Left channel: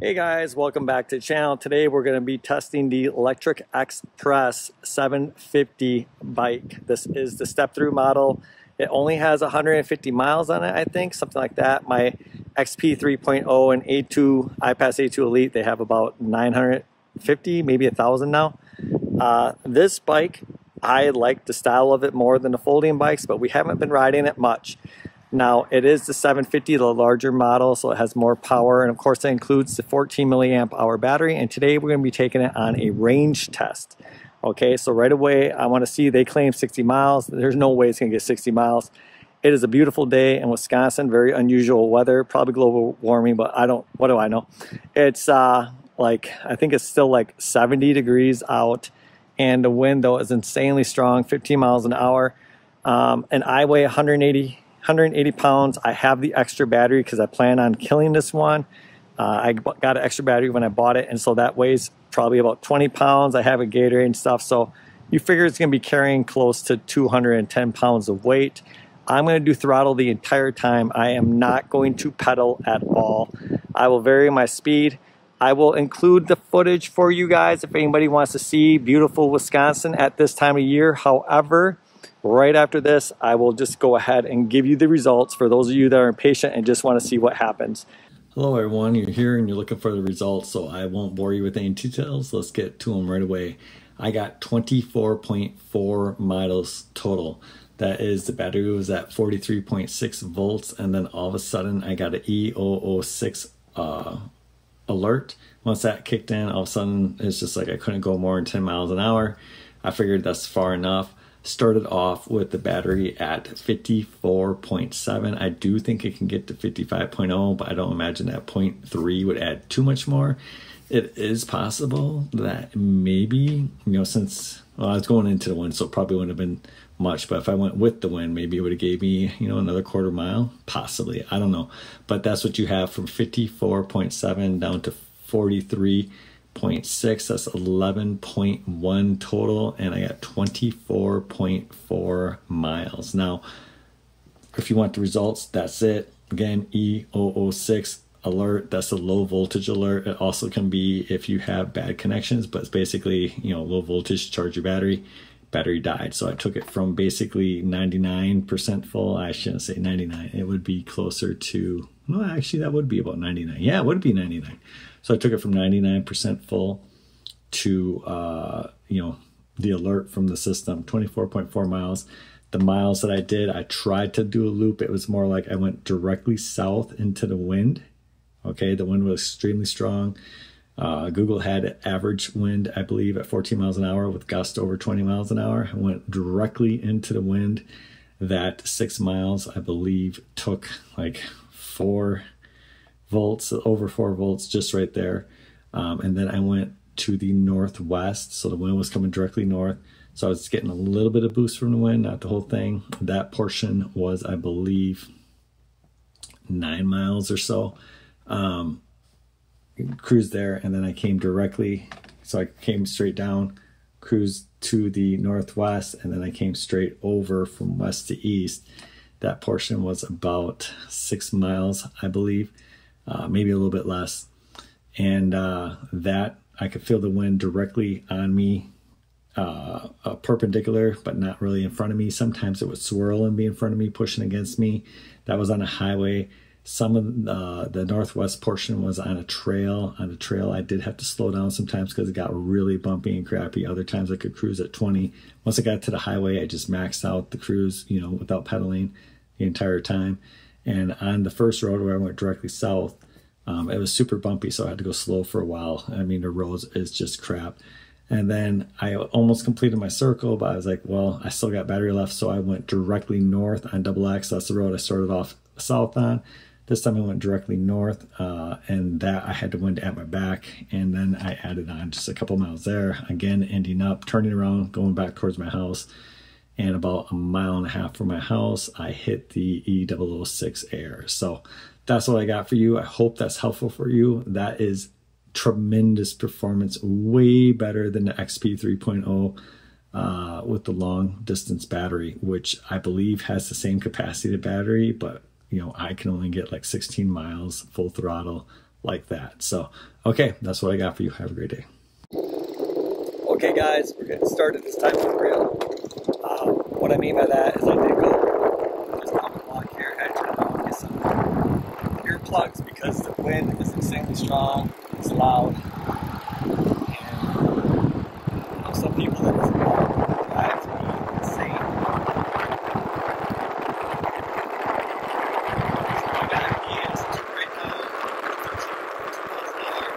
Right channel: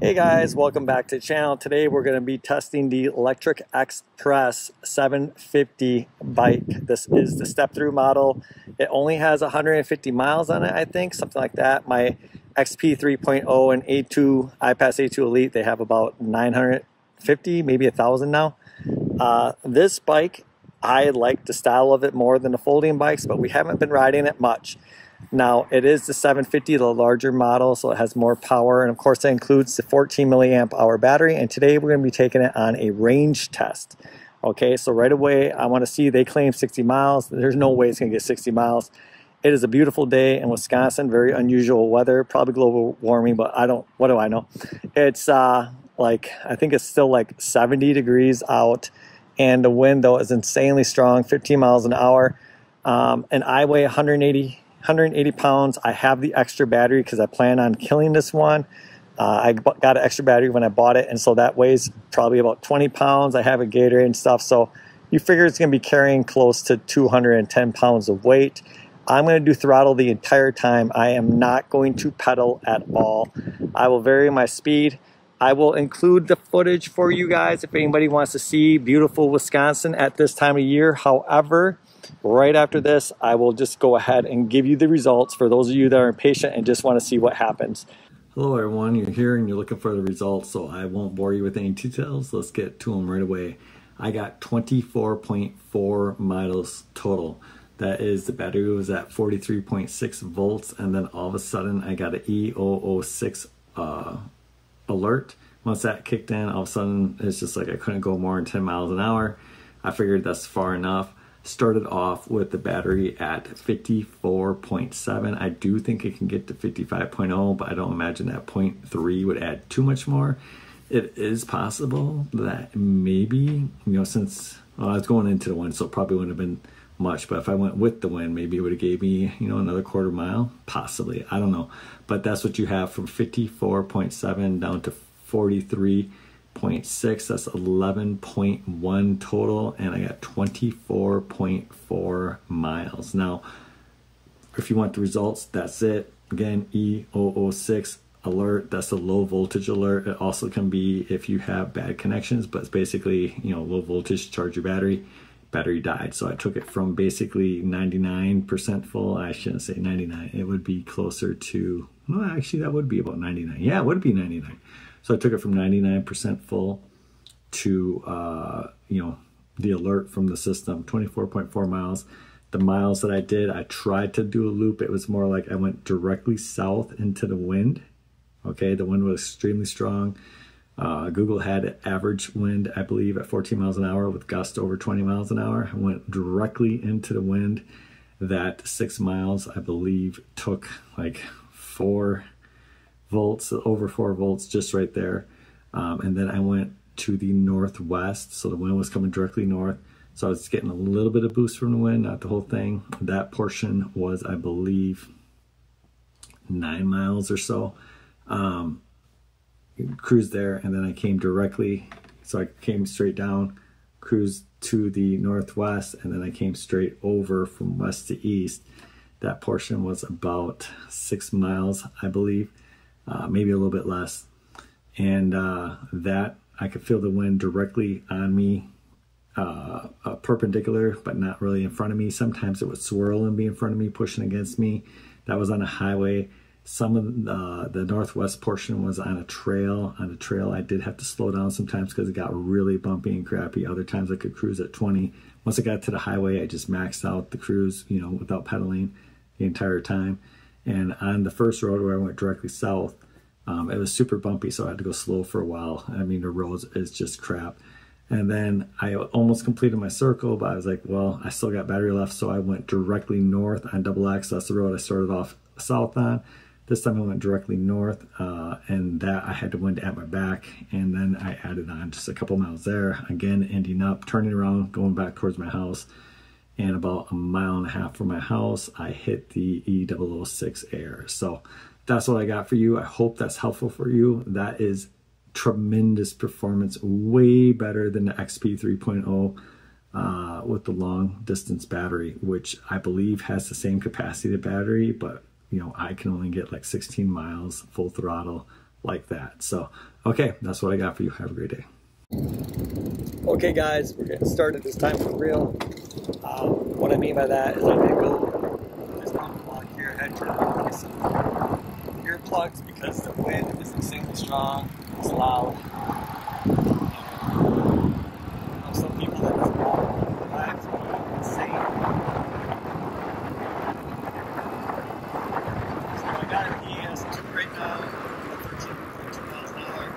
Hey guys, welcome back to the channel. Today we're going to be testing the Lectric XPress 750 bike. This is the step-through model. It only has 150 miles on it, I think, something like that. My XP 3.0 and A2, iPass A2 Elite, they have about 950, maybe 1,000 now. This bike, I like the style of it more than the folding bikes, but we haven't been riding it much. Now, it is the 750, the larger model, so it has more power, and of course that includes the 14 milliamp hour battery, and today we're going to be taking it on a range test. Okay, so right away, I want to see, they claim 60 miles. There's no way it's going to get 60 miles. It is a beautiful day in Wisconsin, very unusual weather, probably global warming, but what do I know? It's I think it's still like 70 degrees out, and the wind, though, is insanely strong, 15 miles an hour, and I weigh 180 pounds. I have the extra battery because I plan on killing this one. I got an extra battery when I bought it, and so that weighs probably about 20 pounds. I have a Gatorade and stuff, so you figure it's going to be carrying close to 210 pounds of weight. I'm going to do throttle the entire time. I am not going to pedal at all. I will vary my speed. I will include the footage for you guys if anybody wants to see beautiful Wisconsin at this time of year. However, right after this, I will just go ahead and give you the results for those of you that are impatient and just want to see what happens. Hello everyone, you're here and you're looking for the results, so I won't bore you with any details. Let's get to them right away. I got 24.4 miles total. That is, the battery was at 43.6 volts, and then all of a sudden I got an E006 alert. Once that kicked in, all of a sudden it's just like I couldn't go more than 10 miles an hour. I figured that's far enough. Started off with the battery at 54.7. I do think it can get to 55.0, but I don't imagine that 0.3 would add too much more. It is possible that maybe, since I was going into the wind, so it probably wouldn't have been much, but if I went with the wind, maybe it would have gave me, another quarter mile, possibly. I don't know. But that's what you have from 54.7 down to 43.6. That's 11.1 total, and I got 24.4 miles. Now, if you want the results, that's it. Again, E006 alert, that's a low voltage alert. It also can be if you have bad connections, but it's basically, low voltage, charge your battery. Battery died. So I took it from basically 99% full. I shouldn't say 99. It would be closer to, well, actually that would be about 99. Yeah, it would be 99. So I took it from 99% full to, the alert from the system, 24.4 miles. The miles that I did, I tried to do a loop. It was more like I went directly south into the wind. Okay, the wind was extremely strong. Google had average wind, I believe, at 14 miles an hour with gusts over 20 miles an hour. I went directly into the wind. That 6 miles, I believe, took like 4 volts, over 4 volts, just right there. And then I went to the northwest, so the wind was coming directly north. So I was getting a little bit of boost from the wind, not the whole thing. That portion was, I believe, 9 miles or so. Cruised there, and then I came directly, so I came straight down, cruised to the northwest, and then I came straight over from west to east. That portion was about 6 miles, I believe, maybe a little bit less. And that I could feel the wind directly on me, perpendicular, but not really in front of me. Sometimes it would swirl and be in front of me, pushing against me. That was on a highway. Some of the northwest portion was on a trail. On the trail, I did have to slow down sometimes because it got really bumpy and crappy. Other times I could cruise at 20. Once I got to the highway, I just maxed out the cruise, without pedaling the entire time. And on the first road where I went directly south, it was super bumpy, so I had to go slow for a while. I mean, the road is just crap. And then I almost completed my circle, but I was like, well, I still got battery left, so I went directly north on Double X. That's the road I started off south on. This time I went directly north, and that I had the wind at my back, and then I added on just a couple miles there, again ending up turning around, going back towards my house, and about 1.5 miles from my house I hit the E006 air. So that's what I got for you. I hope that's helpful for you. That is tremendous performance, way better than the XP 3.0 with the long distance battery, which I believe has the same capacity of battery, but I can only get like 16 miles full throttle like that. So, okay, that's what I got for you. Have a great day. Okay guys, we're getting started this time for real. What I mean by that is I did go just on the block here and turn on some earplugs because the wind is extremely strong, it's loud, and some people that drive insane. I got hands right now, 13 miles an hour.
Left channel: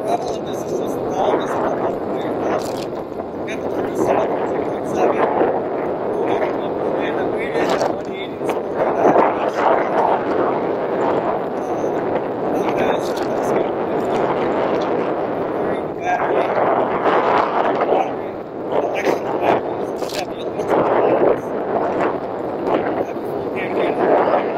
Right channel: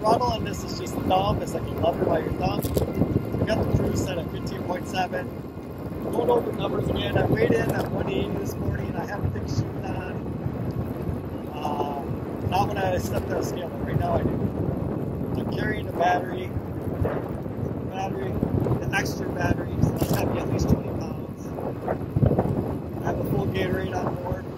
Throttle, and this is just thumb, this is not left by your thumb. You got the cruise set up at 2.7. Total number tonight, I rated at 180 this morning. Not bad, it's just this good. I'm carrying the battery, the extra batteries, it's got to be at least 2 pounds. I have a full Gatorade on mine.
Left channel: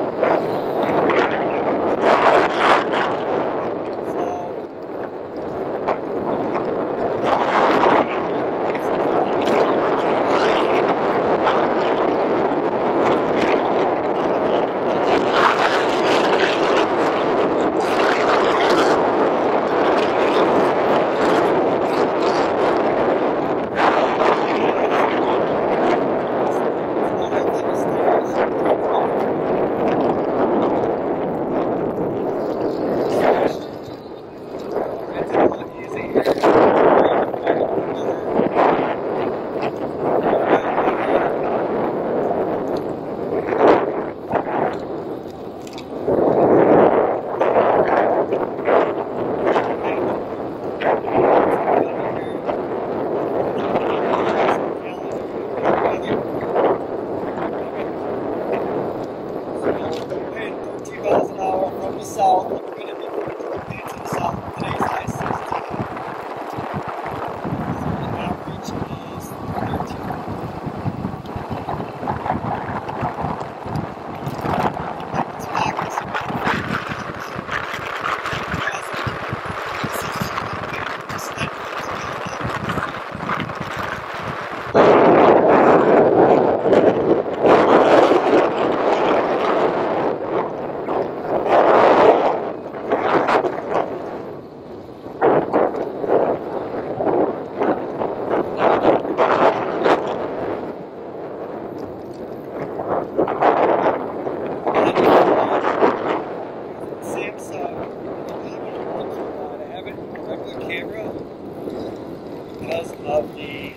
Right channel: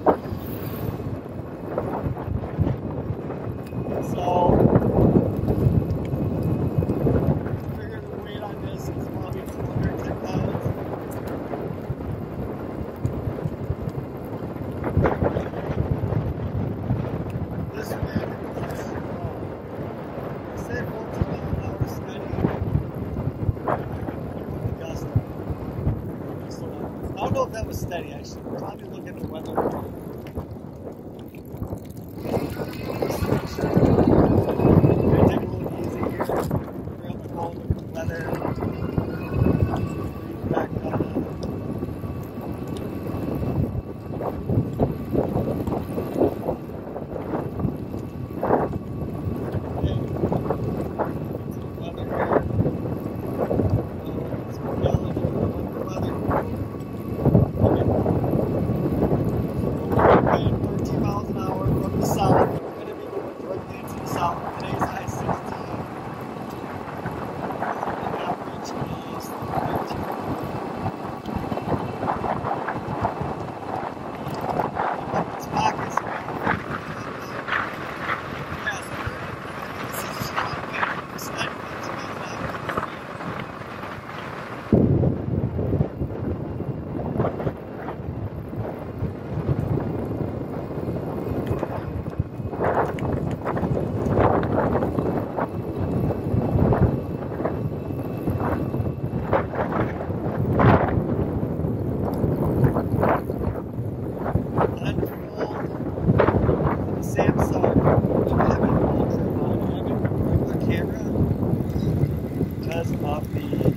Of the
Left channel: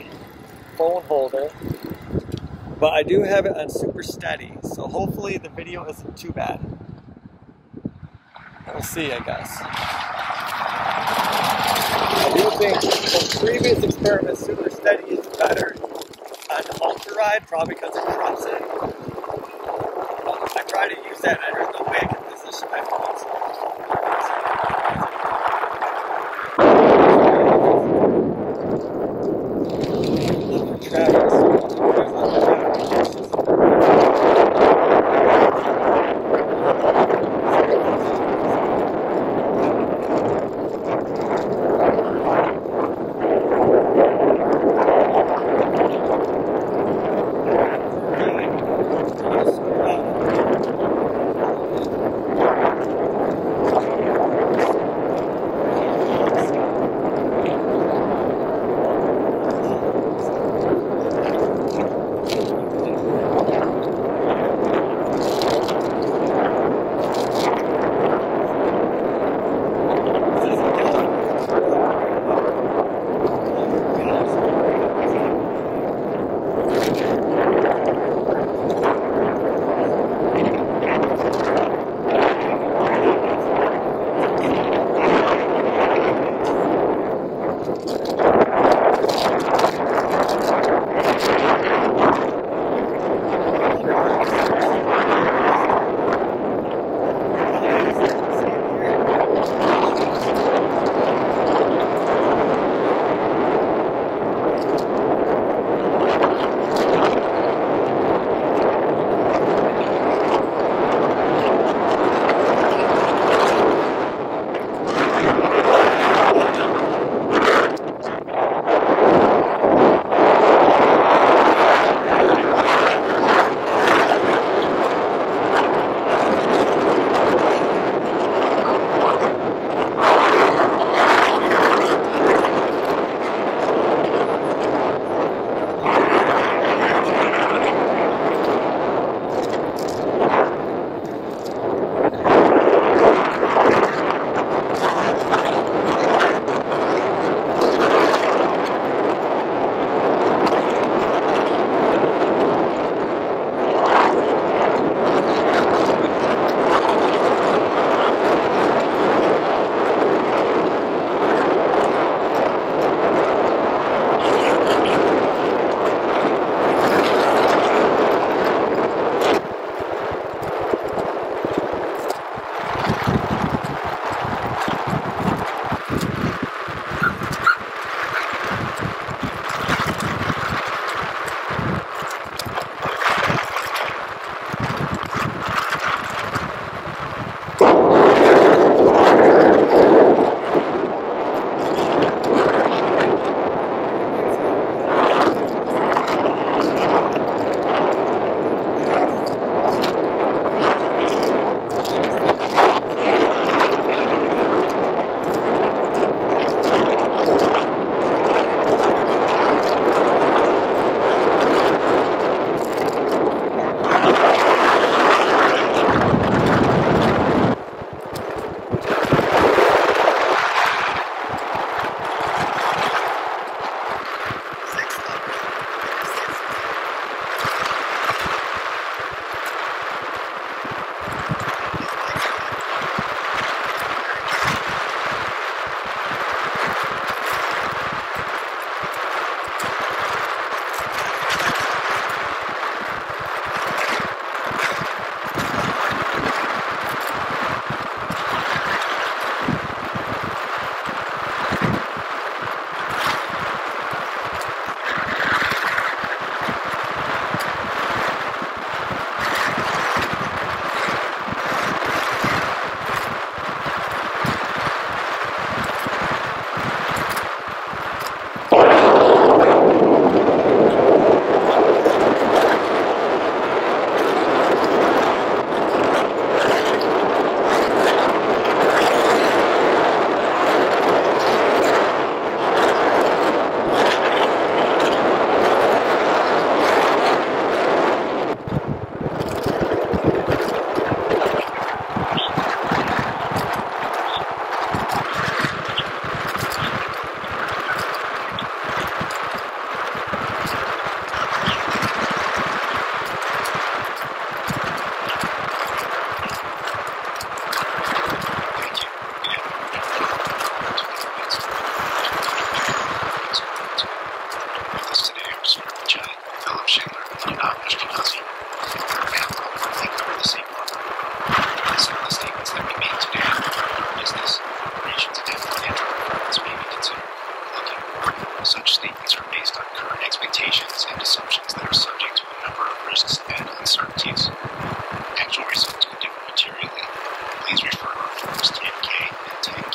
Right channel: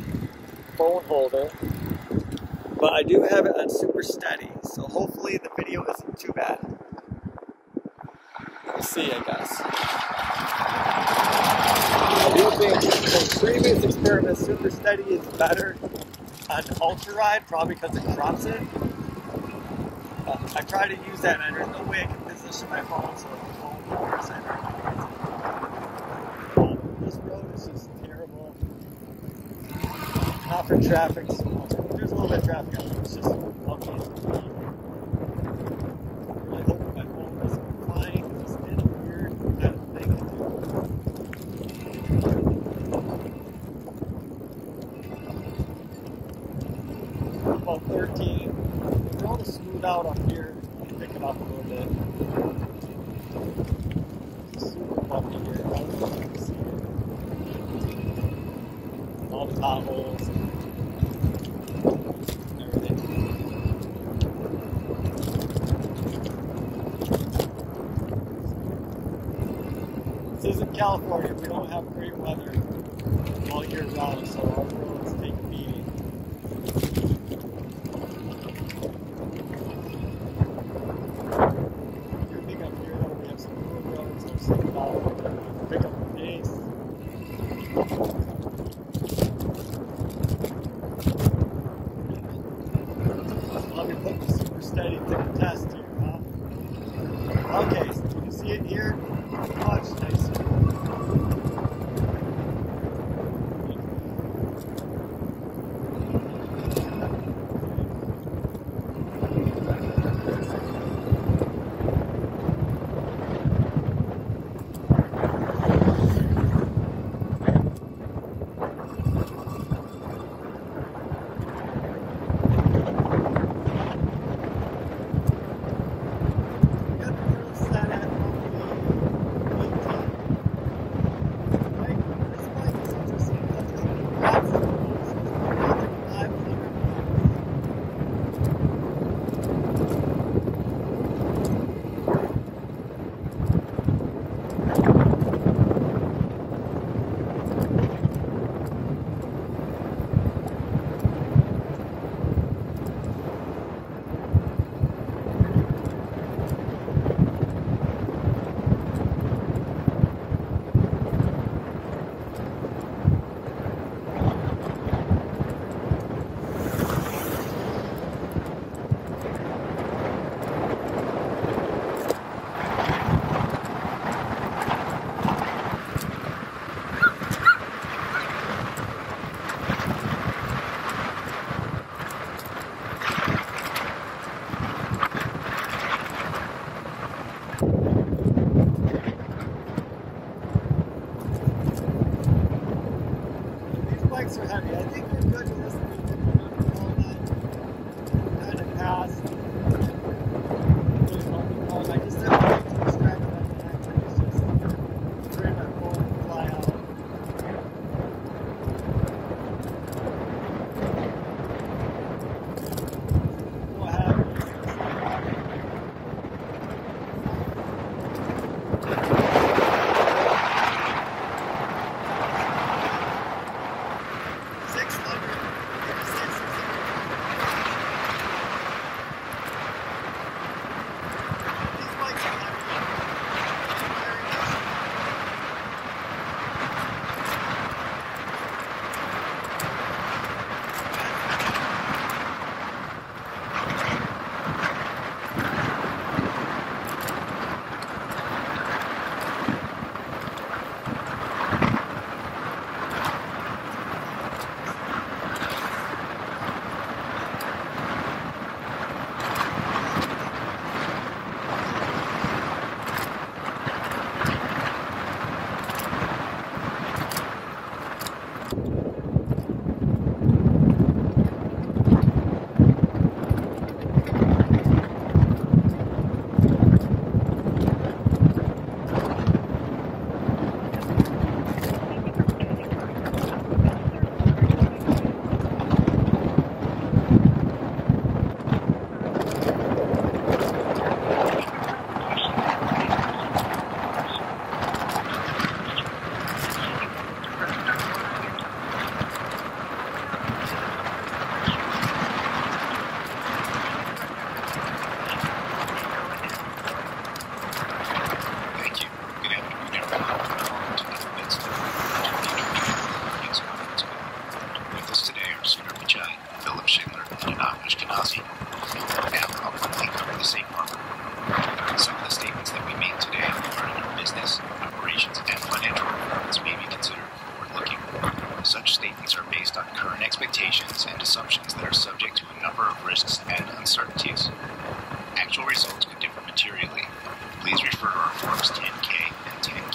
phone holder, but I do have it on super steady, so hopefully the video isn't too bad. We'll see, I guess. I do think from previous experiments, super steady is better on the ultra ride, probably because it drops it. I try to use that under the way I can position my phone. Travis.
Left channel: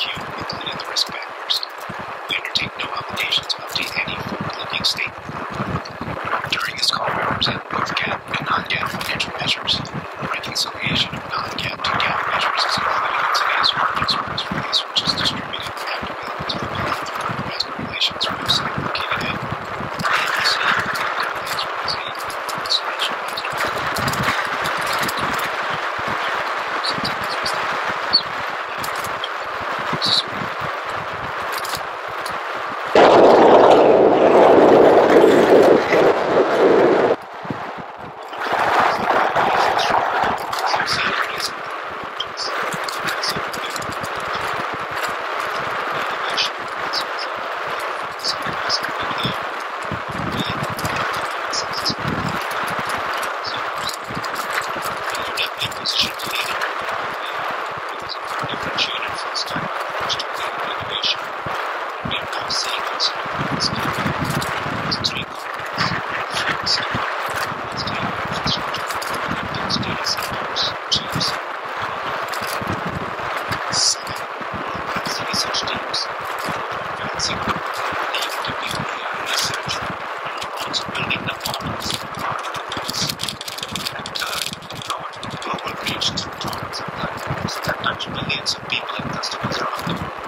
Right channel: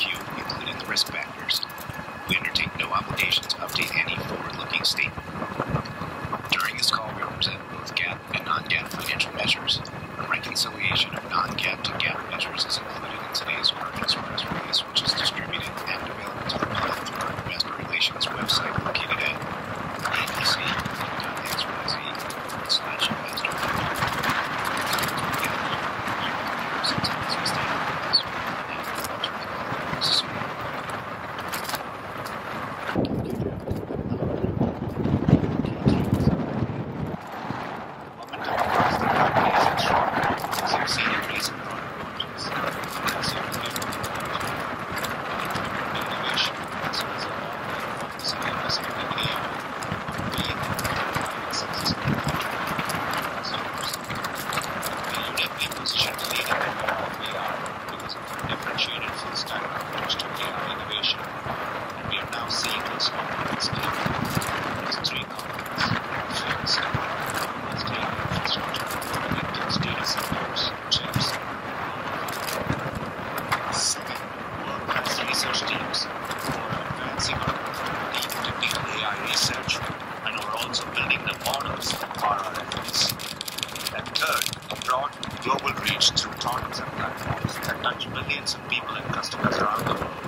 FAQ, including the risk factors. We undertake no obligation to update any forward-looking statement. During this call, we present both GAAP and non-GAAP financial measures. A reconciliation of non-GAAP to GAAP measures is included in today's earnings press release, which is distributed and available to the public through our investor relations website located at abc.xyz/investor. Millions of people and customers around the world,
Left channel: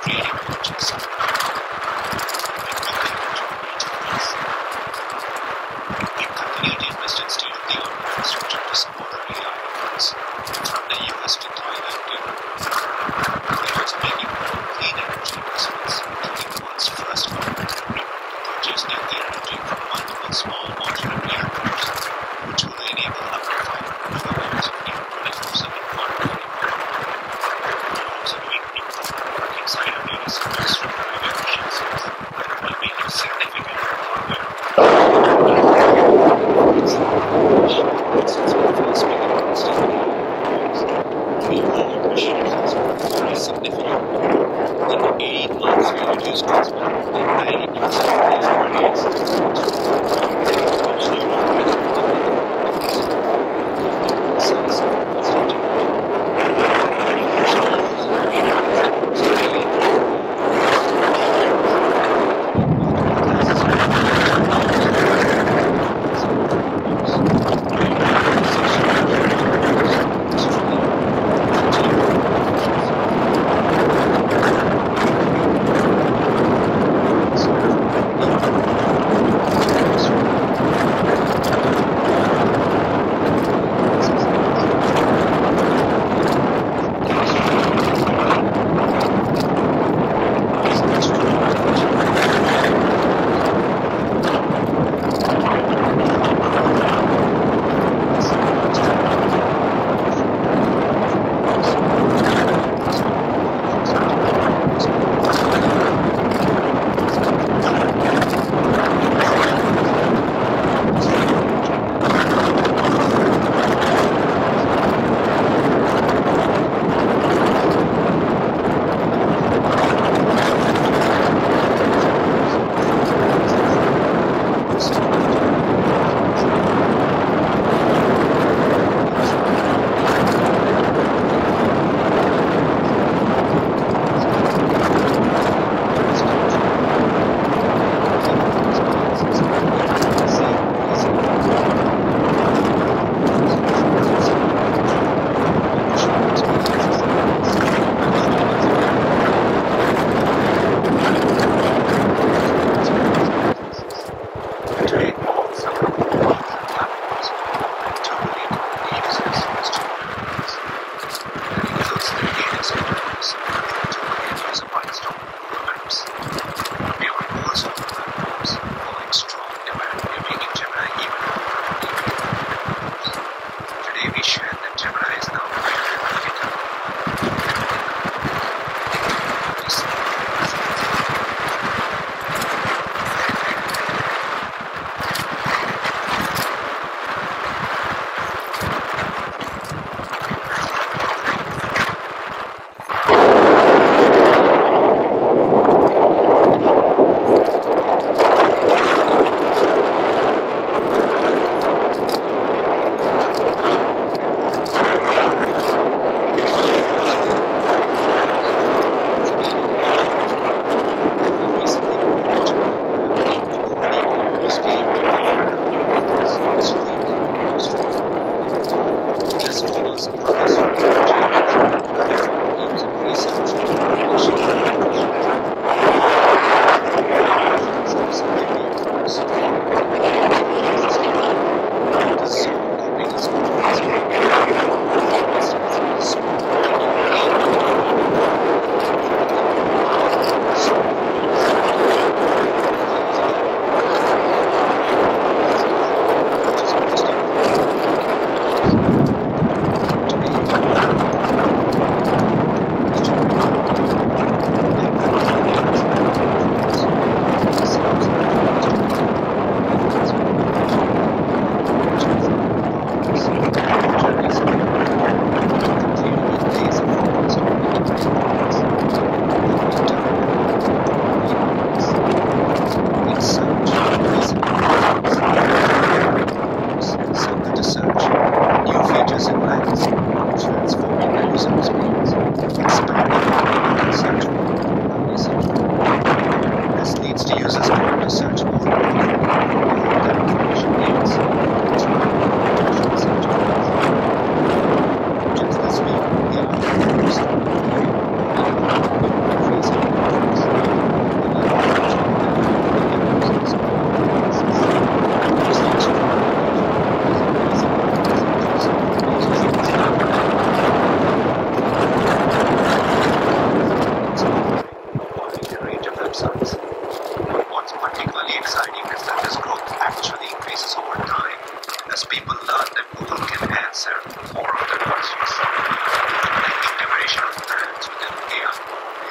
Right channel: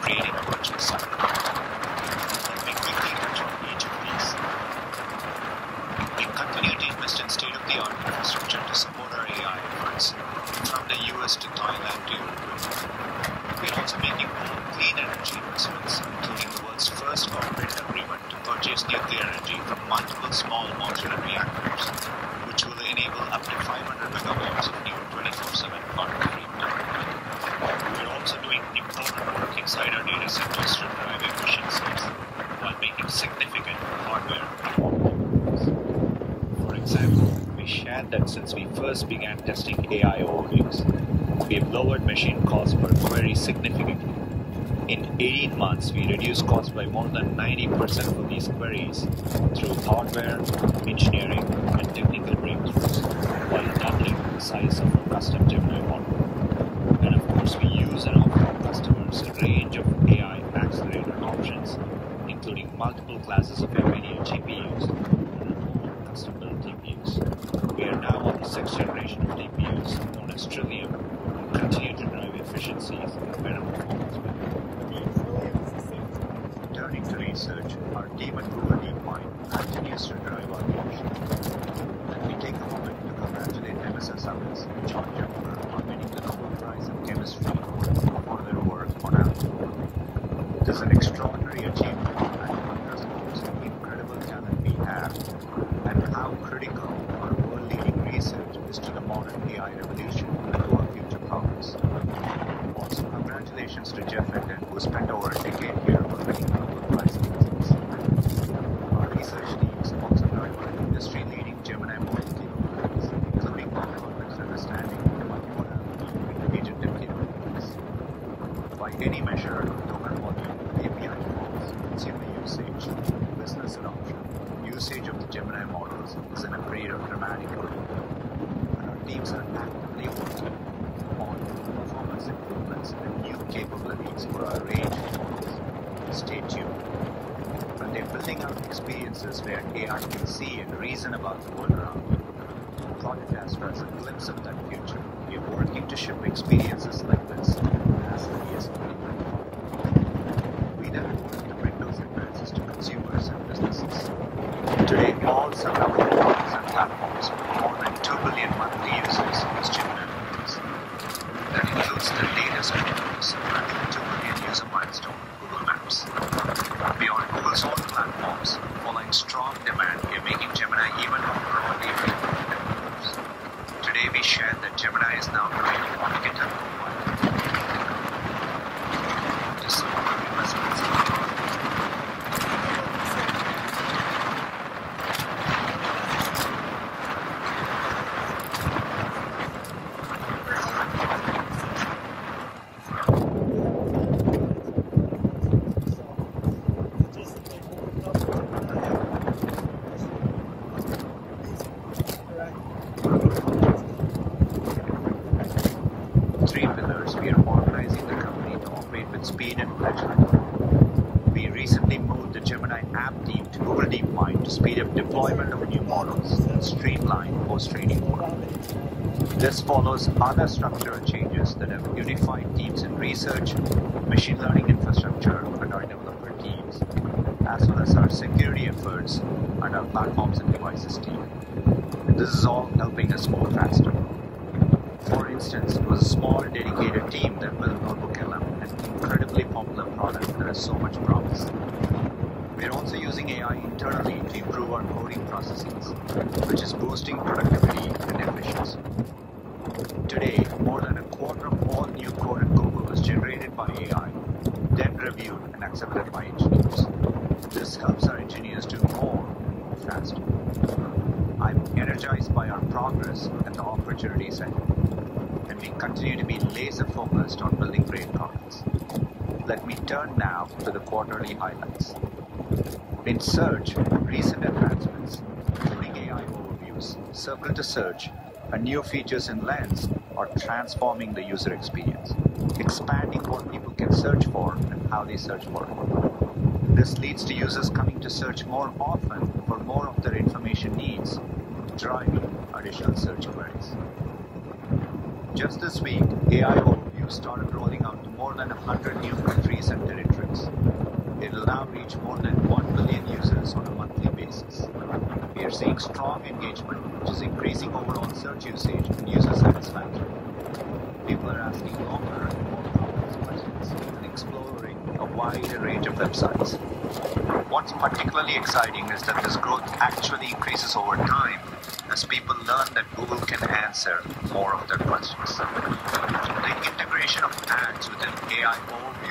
creating a virtual cycle. We quickly enjoy each of these. We continue to invest in state-of-the-art infrastructure to support our AI efforts, from the US to Thailand to Europe. We're also making clean energy investments, including the world's first corporate agreement to purchase nuclear energy from multiple small modular reactors, which will enable up to 500 megawatts of new 24/7 carbon-free power. We're also doing important work inside our data centers to improve efficiencies while making significant hardware. For example, we shared that since we first began testing AI overviews, we've lowered machine costs very significantly. In 18 months, we reduced costs by more than 90% of these queries through hardware, engineering, and technical breakthroughs, while doubling the size of our custom technology. Including multiple classes of technology, efficiency.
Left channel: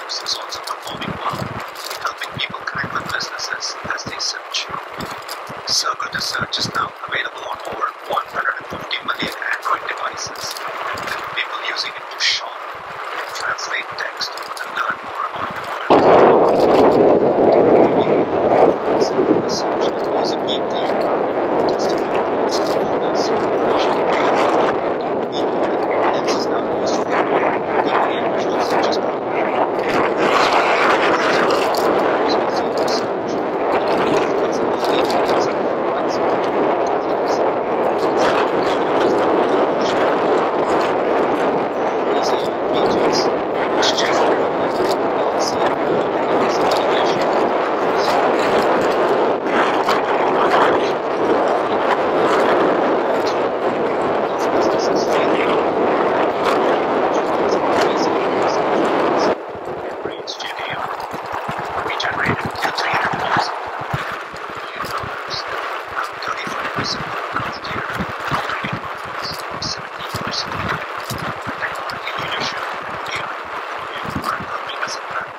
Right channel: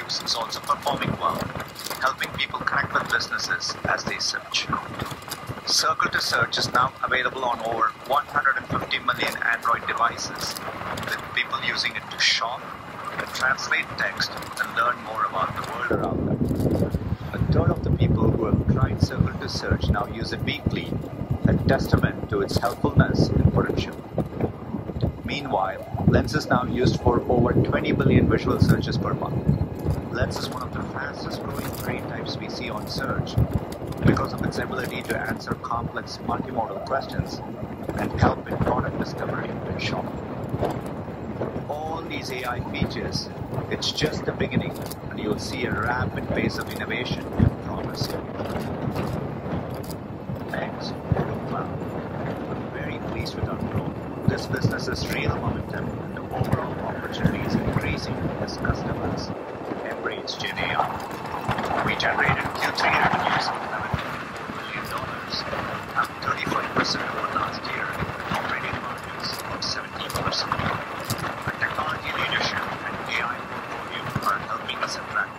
Maps is also performing well, helping people connect with businesses as they search. Circle to Search is now available on over 150 million Android devices, with people using it to shop, translate text, and learn more about the world. A third of the people who are trying Circle to Search now use it weekly, a testament to its helpfulness in version. Meanwhile, Lens is now used for over 20 million visual searches per month. Lens is one of the most operators we see on search because of its ability to answer complex multiple questions. All these AI features, it's just the beginning. You'll see a rapid pace of innovation. This business is failing. Range Gen AI. We generated Q3 revenues of $11 million, up 35% over last year, operating margins of 17%. Our technology leadership and AI portfolio are helping us attract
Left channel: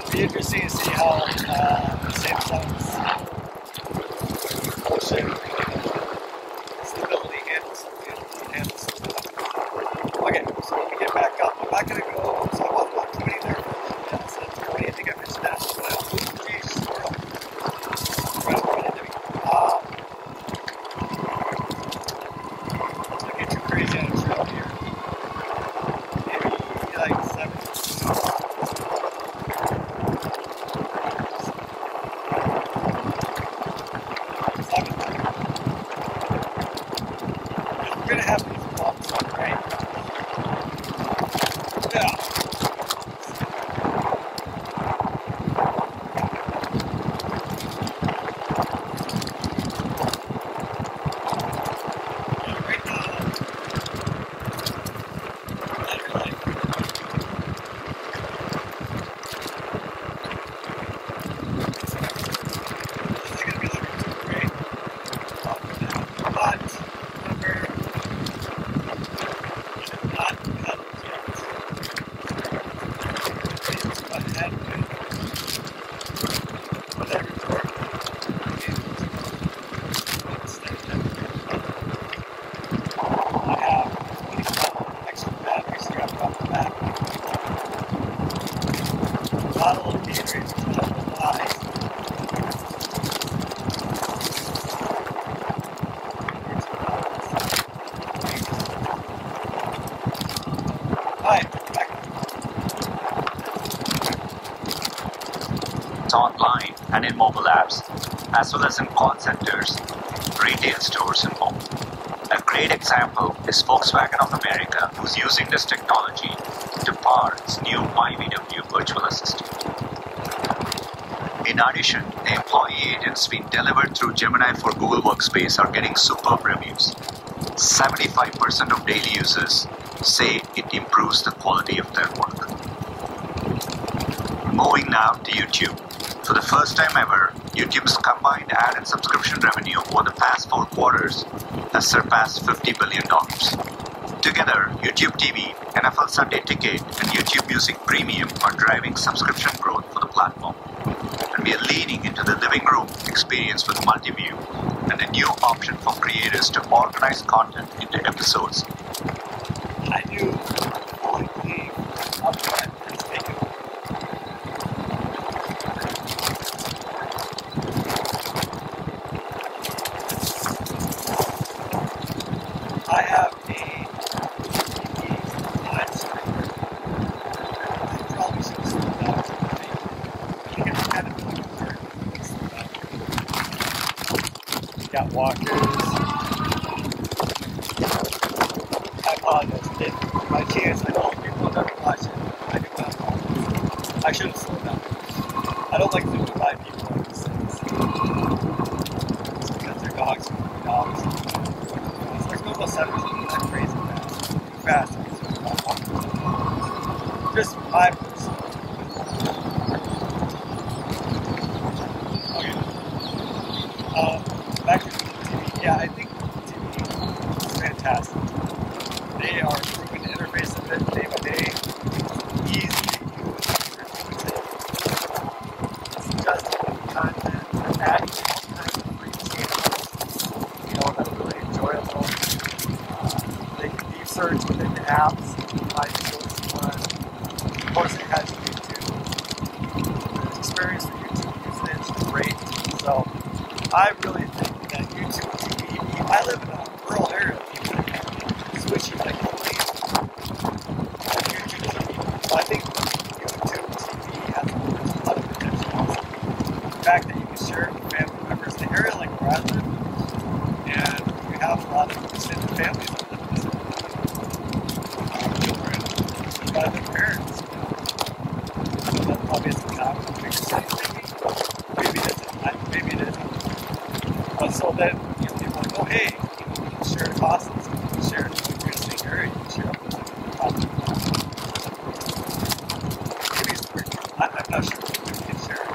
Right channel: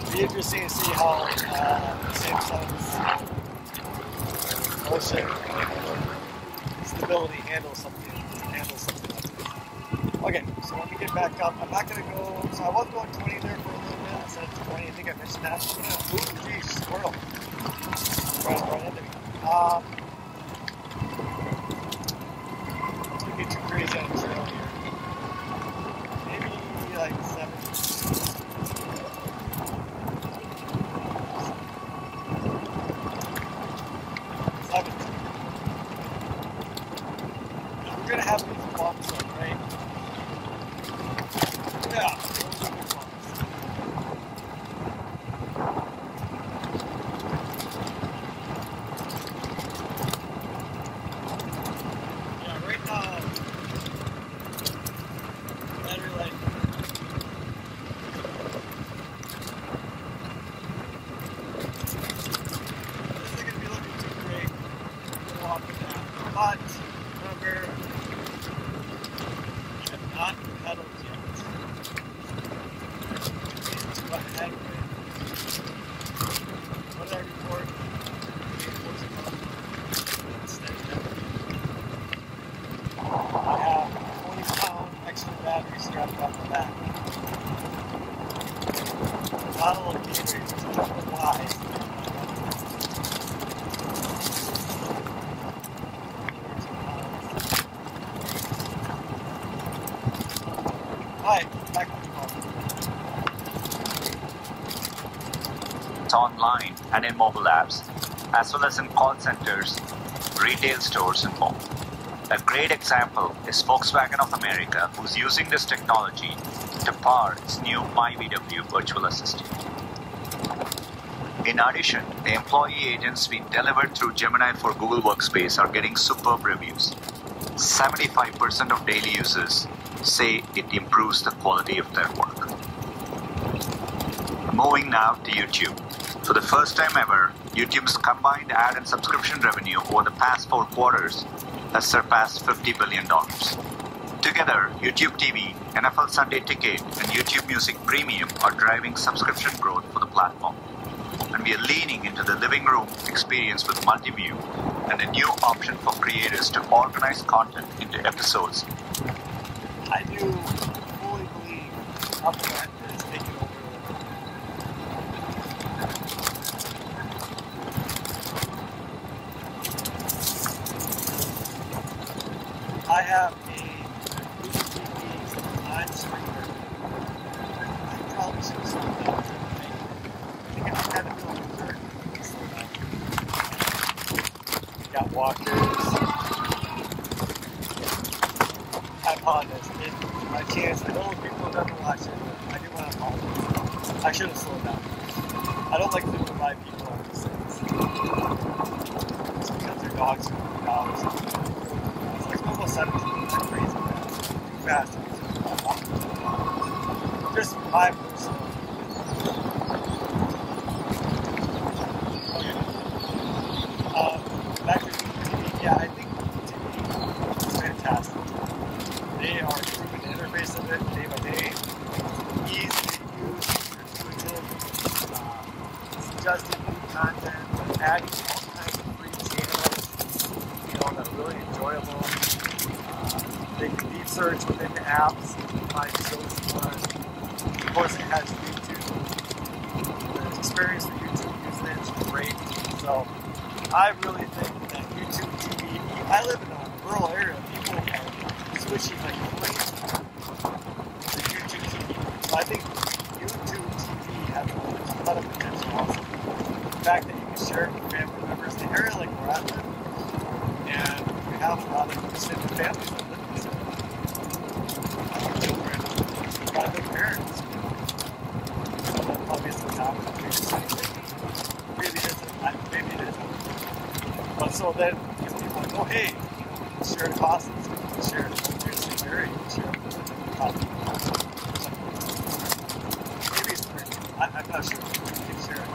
It'll be interesting to see how Samsung's motion stability handles something. Okay, so let me get back up. I'm not going to go, so I was going 20 there for a little bit. So 20, I think I mentioned that. Ooh, geez, squirrel. Right into me. Don't get too crazy on the trail here. Maybe like 7. 7. We're going to have these bumps, right? Yeah. Right now, lighter light. This is going to be looking too great. But remember, not pedals yet. Ahead with whatever work. I have 20 extra batteries strapped on the back. A bottle of Gatorade, which is double wide. Hi, back. Online and in mobile apps, as well as in call centers, retail stores, and more. A great example is Volkswagen of America, who's using this technology to power its new MyVW virtual assistant. In addition, the employee agents being delivered through Gemini for Google Workspace are getting superb reviews. 75% of daily users say it improves the quality of their work. Moving now to YouTube. For the first time ever, YouTube's combined ad and subscription revenue over the past 4 quarters has surpassed $50 billion. Together, YouTube TV, NFL Sunday Ticket, and YouTube Music Premium are driving subscription growth for the platform. And we are leaning into the living room experience with Multiview and a new option for creators to organize content into episodes. I do fully believe upfront is taking over. I have a TV on screen. I probably should have slowed down. I think it's kind of looking for it. Got walkers. I apologize. By chance, I know people are going to watch it. I do what I'm calling. I should have slowed down. I don't like 55 people like this. It's because their dogs are dogs. It's like almost 7 people. I'm crazy now. Too fast. Just 5 minutes. Okay. Back to TV. Yeah, I think TV is fantastic. They are improving the interface of it day by day. Easy to use, intuitive, suggesting content, adding free channels, that are really enjoyable. They can deep search within the apps, find choices. Of course, it has YouTube. The experience for YouTube usage is great. So I really think that YouTube TV, I live in a rural area, people can switch you like a plane on YouTube TV. So I think YouTube TV has a lot of potential. The fact that you can share it with family members in an area like where I live, and we have a lot of extended families that live in this area. Children, a lot of big parents. So that's obviously not a big city. Maybe it isn't. Maybe it isn't. But so then people go, hey, you can share costs. You can share it. You're in the same area. You can share it. Maybe it's free. I'm not sure. You can share it.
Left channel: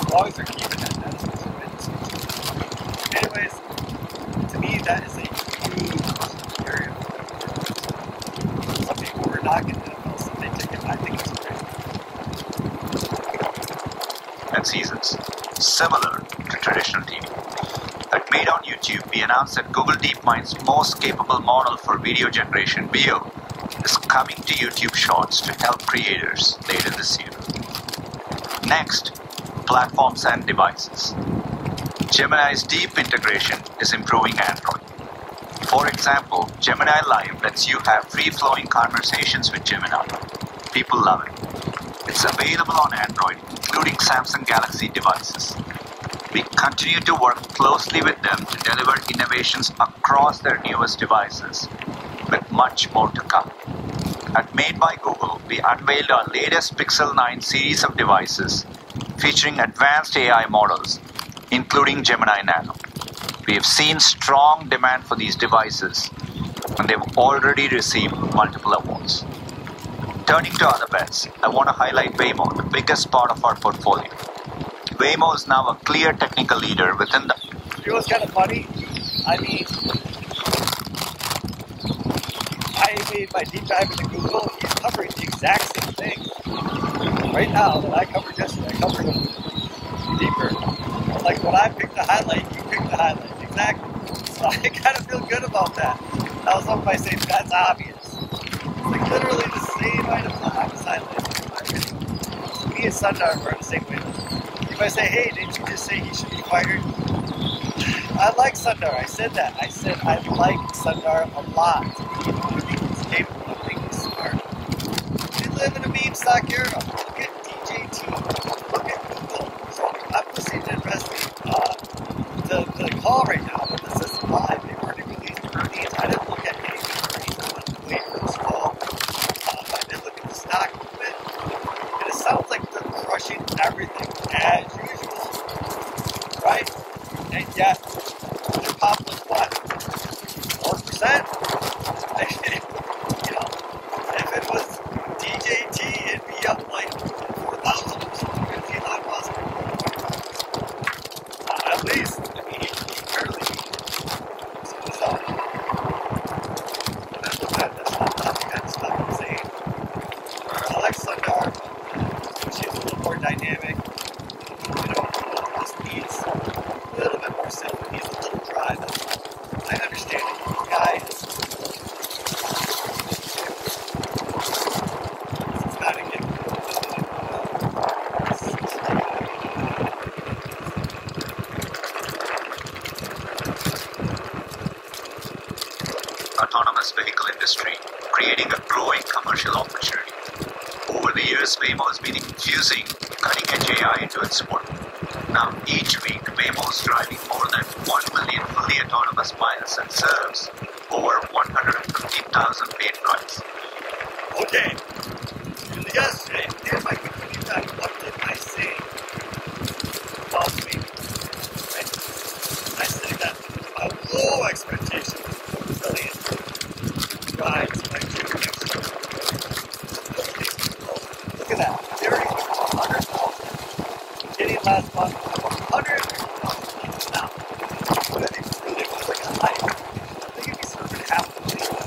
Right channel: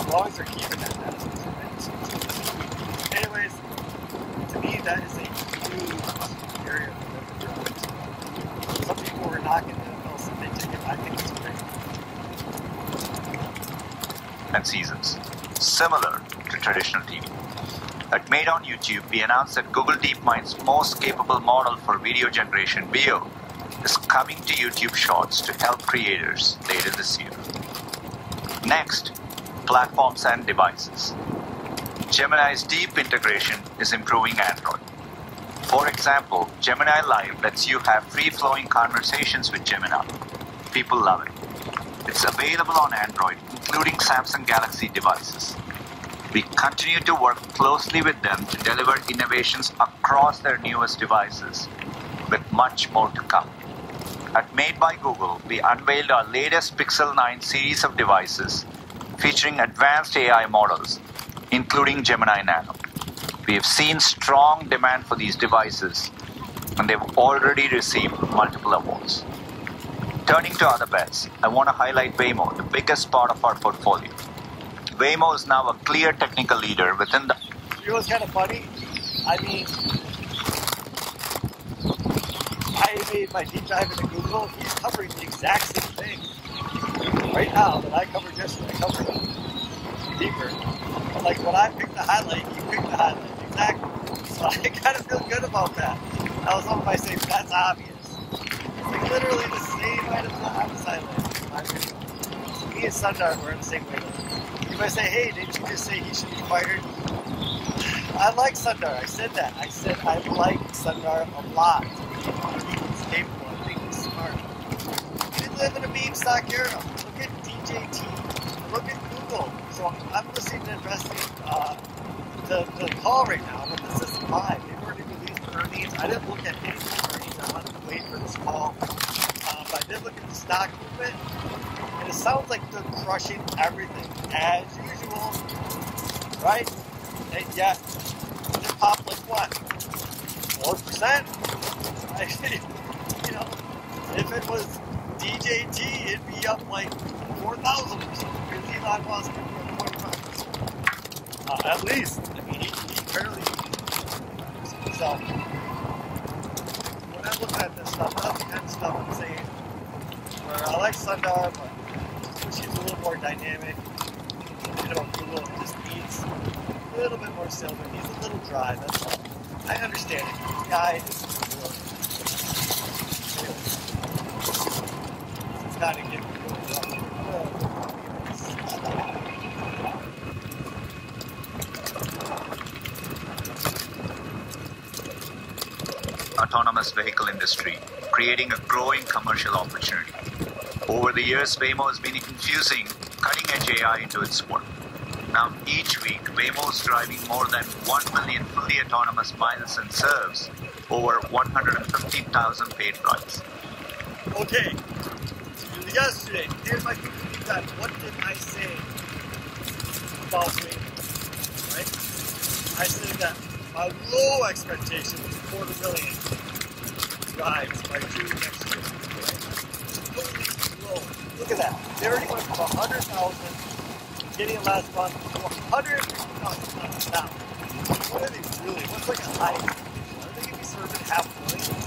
As long as they're keeping that, that's what's amazing. Anyways, to and seasons, similar to traditional TV. At Made on YouTube, we announced that Google DeepMind's most capable model for video generation, Veo, is coming to YouTube Shorts to help creators later this year. Next, platforms and devices. Gemini's deep integration is improving Android. For example, Gemini Live lets you have free-flowing conversations with Gemini. People love it. It's available on Android, including Samsung Galaxy devices. We continue to work closely with them to deliver innovations across their newest devices, with much more to come. At Made by Google, we unveiled our latest Pixel 9 series of devices featuring advanced AI models, including Gemini Nano. We have seen strong demand for these devices, and they've already received multiple awards. Turning to other bets, I want to highlight Waymo, the biggest part of our portfolio. Waymo is now a clear technical leader within the... You know what's kind of funny? I mean, I made my deep dive into Google. He's covering the exact same thing. Right now, that I covered yesterday, I covered it deeper. Like when I picked the highlight, you picked the highlight. Exactly. So I kind of feel good about that. Now someone might say, that's obvious. It's like literally the same item that I was highlighting. So me and Sundar are the same way. You might say, hey, didn't you just say he should be fired? I like Sundar. I said that. I said I like Sundar a lot. He's capable of being smart. We live in a meme stock era. Look at DJT. Look at Google. So I'm listening to the call right now, but this is live. They've already released the release. I didn't look at any of the wait for this call. I did look at the stock movement, and it sounds like they're crushing everything as usual, right? And yet, they popped like what? 4%? You know, if it was DJT, it'd be up like 4,000, 15,000. At least, I mean, he barely. So, when I look at this stuff, that's the kind of stuff I'm saying. I like Sundar, but she's a little more dynamic. You know, this needs a little bit more silk. It needs a little dry, that's all. I understand it. The guy is it's got to get autonomous vehicle industry, creating a growing commercial opportunity. Over the years, Waymo has been infusing cutting-edge AI into its work. Now, each week, Waymo is driving more than 1 million fully autonomous miles and serves over 115,000 paid rides. okay. Yesterday, here's my conclusion time. What did I say about Waymo? Right? I said that a low expectation is 4 million rides by 2 weeks. Look at that. They already put 100,000. Getting last month, 100,000 now. What are they doing? It's like a hike. I think it'd be something half the distance.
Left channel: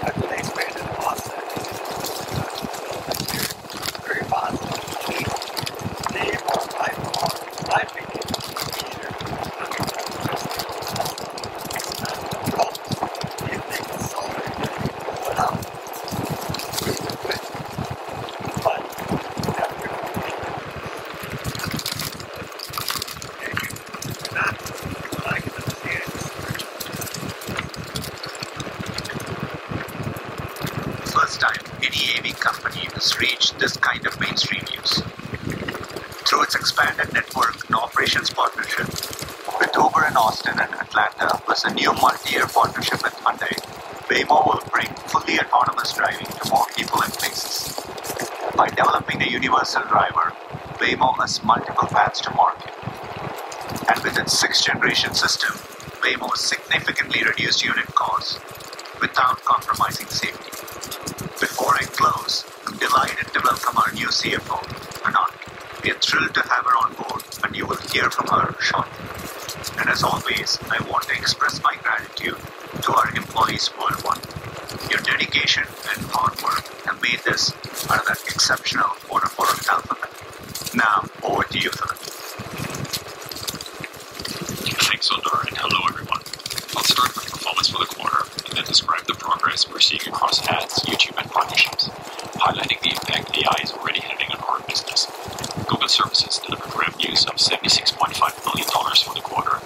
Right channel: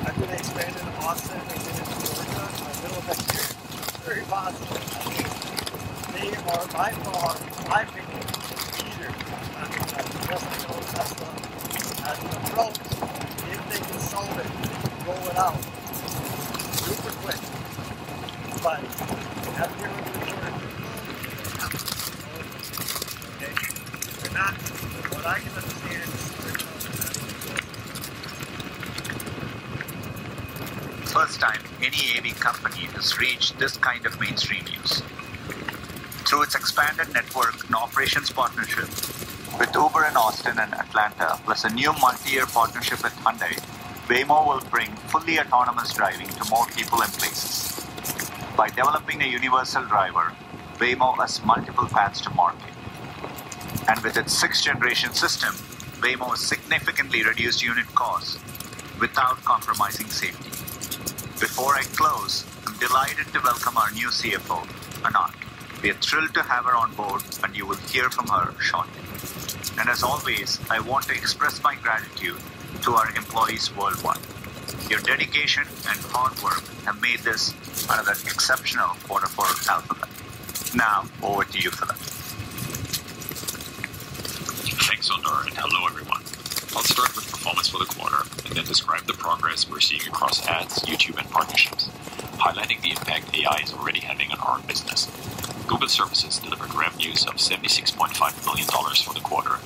After they expanded to Austin. Very positive. They are by far, I think, leader. If they can solve it, roll it out. Super quick. But after not what I can understand. First time any AV company has reached this kind of mainstream use. Through its expanded network and operations partnership with Uber in Austin and Atlanta, plus a new multi-year partnership with Hyundai, Waymo will bring fully autonomous driving to more people and places. By developing a universal driver, Waymo has multiple paths to market. And with its 6th generation system, Waymo has significantly reduced unit costs without compromising safety. Before I close, I'm delighted to welcome our new CFO, Anand. We are thrilled to have her on board, and you will hear from her shortly. And as always, I want to express my gratitude to our employees worldwide. Your dedication and hard work have made this another exceptional quarter for Alphabet. Now, over to you, Philip. Thanks, Sundar, and hello, everyone. I'll start with performance for the quarter and then describe the progress we're seeing across ads, YouTube, and partnerships, highlighting the impact AI is already having on our business. Google Services delivered revenues of $76.5 million for the quarter,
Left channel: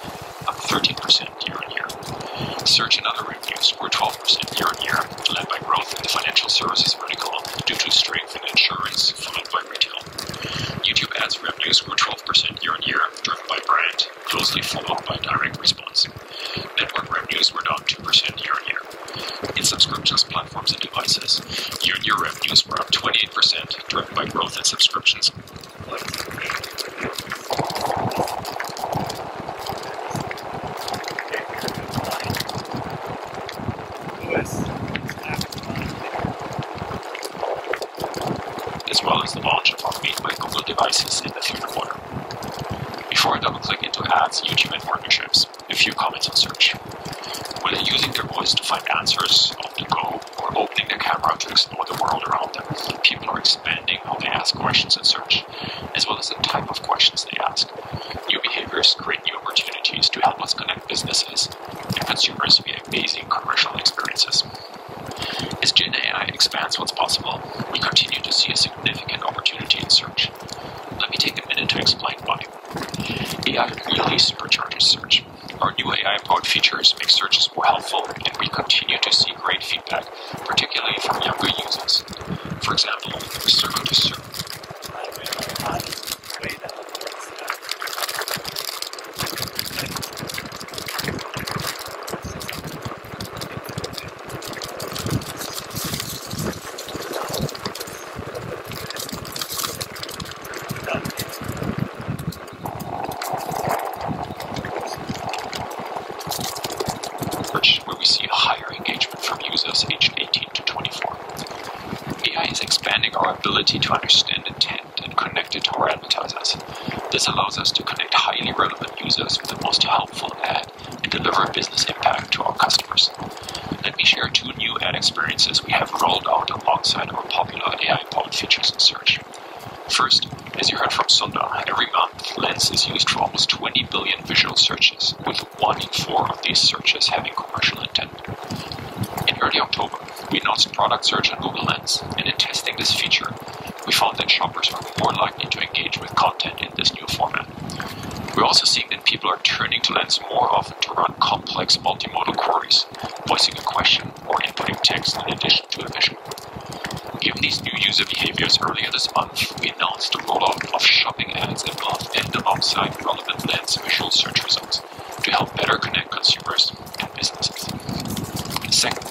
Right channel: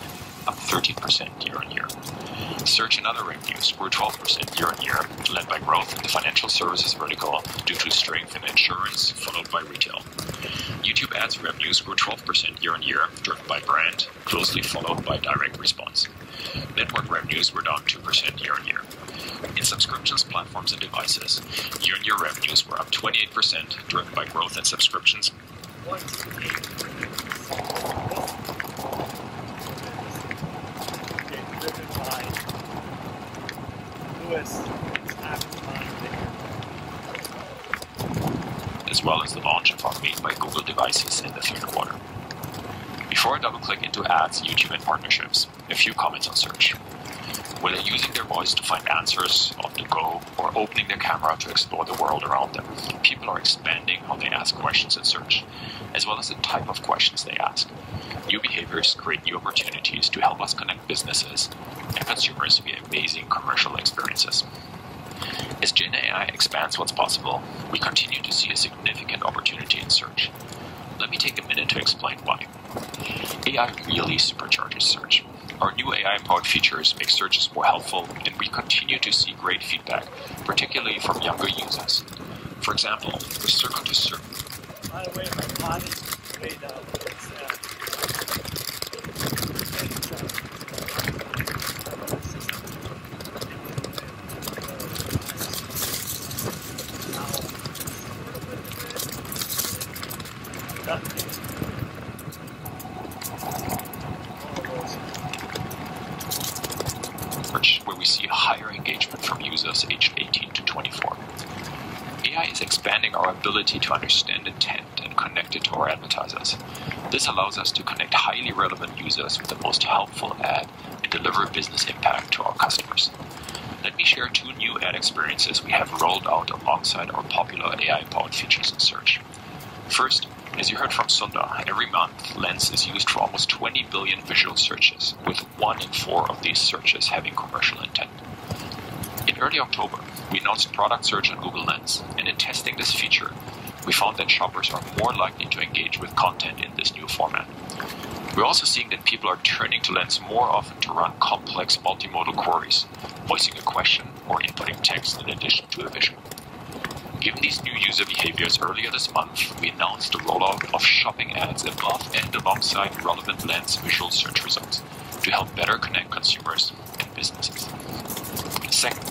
up 13% year-on-year. Search and other revenues grew 12% year-on-year, led by growth in the financial services vertical due to strength in insurance, followed by retail. YouTube ads revenues grew 12% year-on-year, driven by brand, closely followed by direct response. Network revenues were down 2% year-on-year. In subscriptions, platforms, and devices, year-on-year revenues were up 28%, driven by growth in subscriptions. As well as the launch of our Made by Google devices in the third quarter. Before I double-click into ads, YouTube, and partnerships, a few comments on search. Whether using their voice to find answers on the go or opening their camera to explore the world around them, people are expanding how they ask questions in search, as well as the type of questions they ask. New behaviors create new opportunities to help us connect businesses and consumers via amazing commercial experiences. As Gen AI expands what's possible, we continue to see a significant opportunity in search. Let me take a minute to explain why. AI really supercharges search. Our new AI-powered features make searches more helpful, and we continue to see great feedback, particularly from younger users. For example, we're starting to search. Where we see higher engagement from users aged 18 to 24. AI is expanding our ability to understand intent and connect it to our advertisers. This allows us to connect highly relevant users with the most helpful ad and deliver business impact to our customers. Let me share 2 new ad experiences we have rolled out alongside our popular AI-powered features in search. First, as you heard from Sundar, every month Lens is used for almost 20 billion visual searches, with 1 in 4 of these searches having commercial intent. In early October, we announced product search on Google Lens, and in testing this feature, we found that shoppers are more likely to engage with content in this new format. We're also seeing that people are turning to Lens more often to run complex multimodal queries, voicing a question or inputting text in addition to a visual. Given these new user behaviors, earlier this month, we announced the rollout of shopping ads above and alongside relevant Lens visual search results to help better connect consumers and businesses. Second,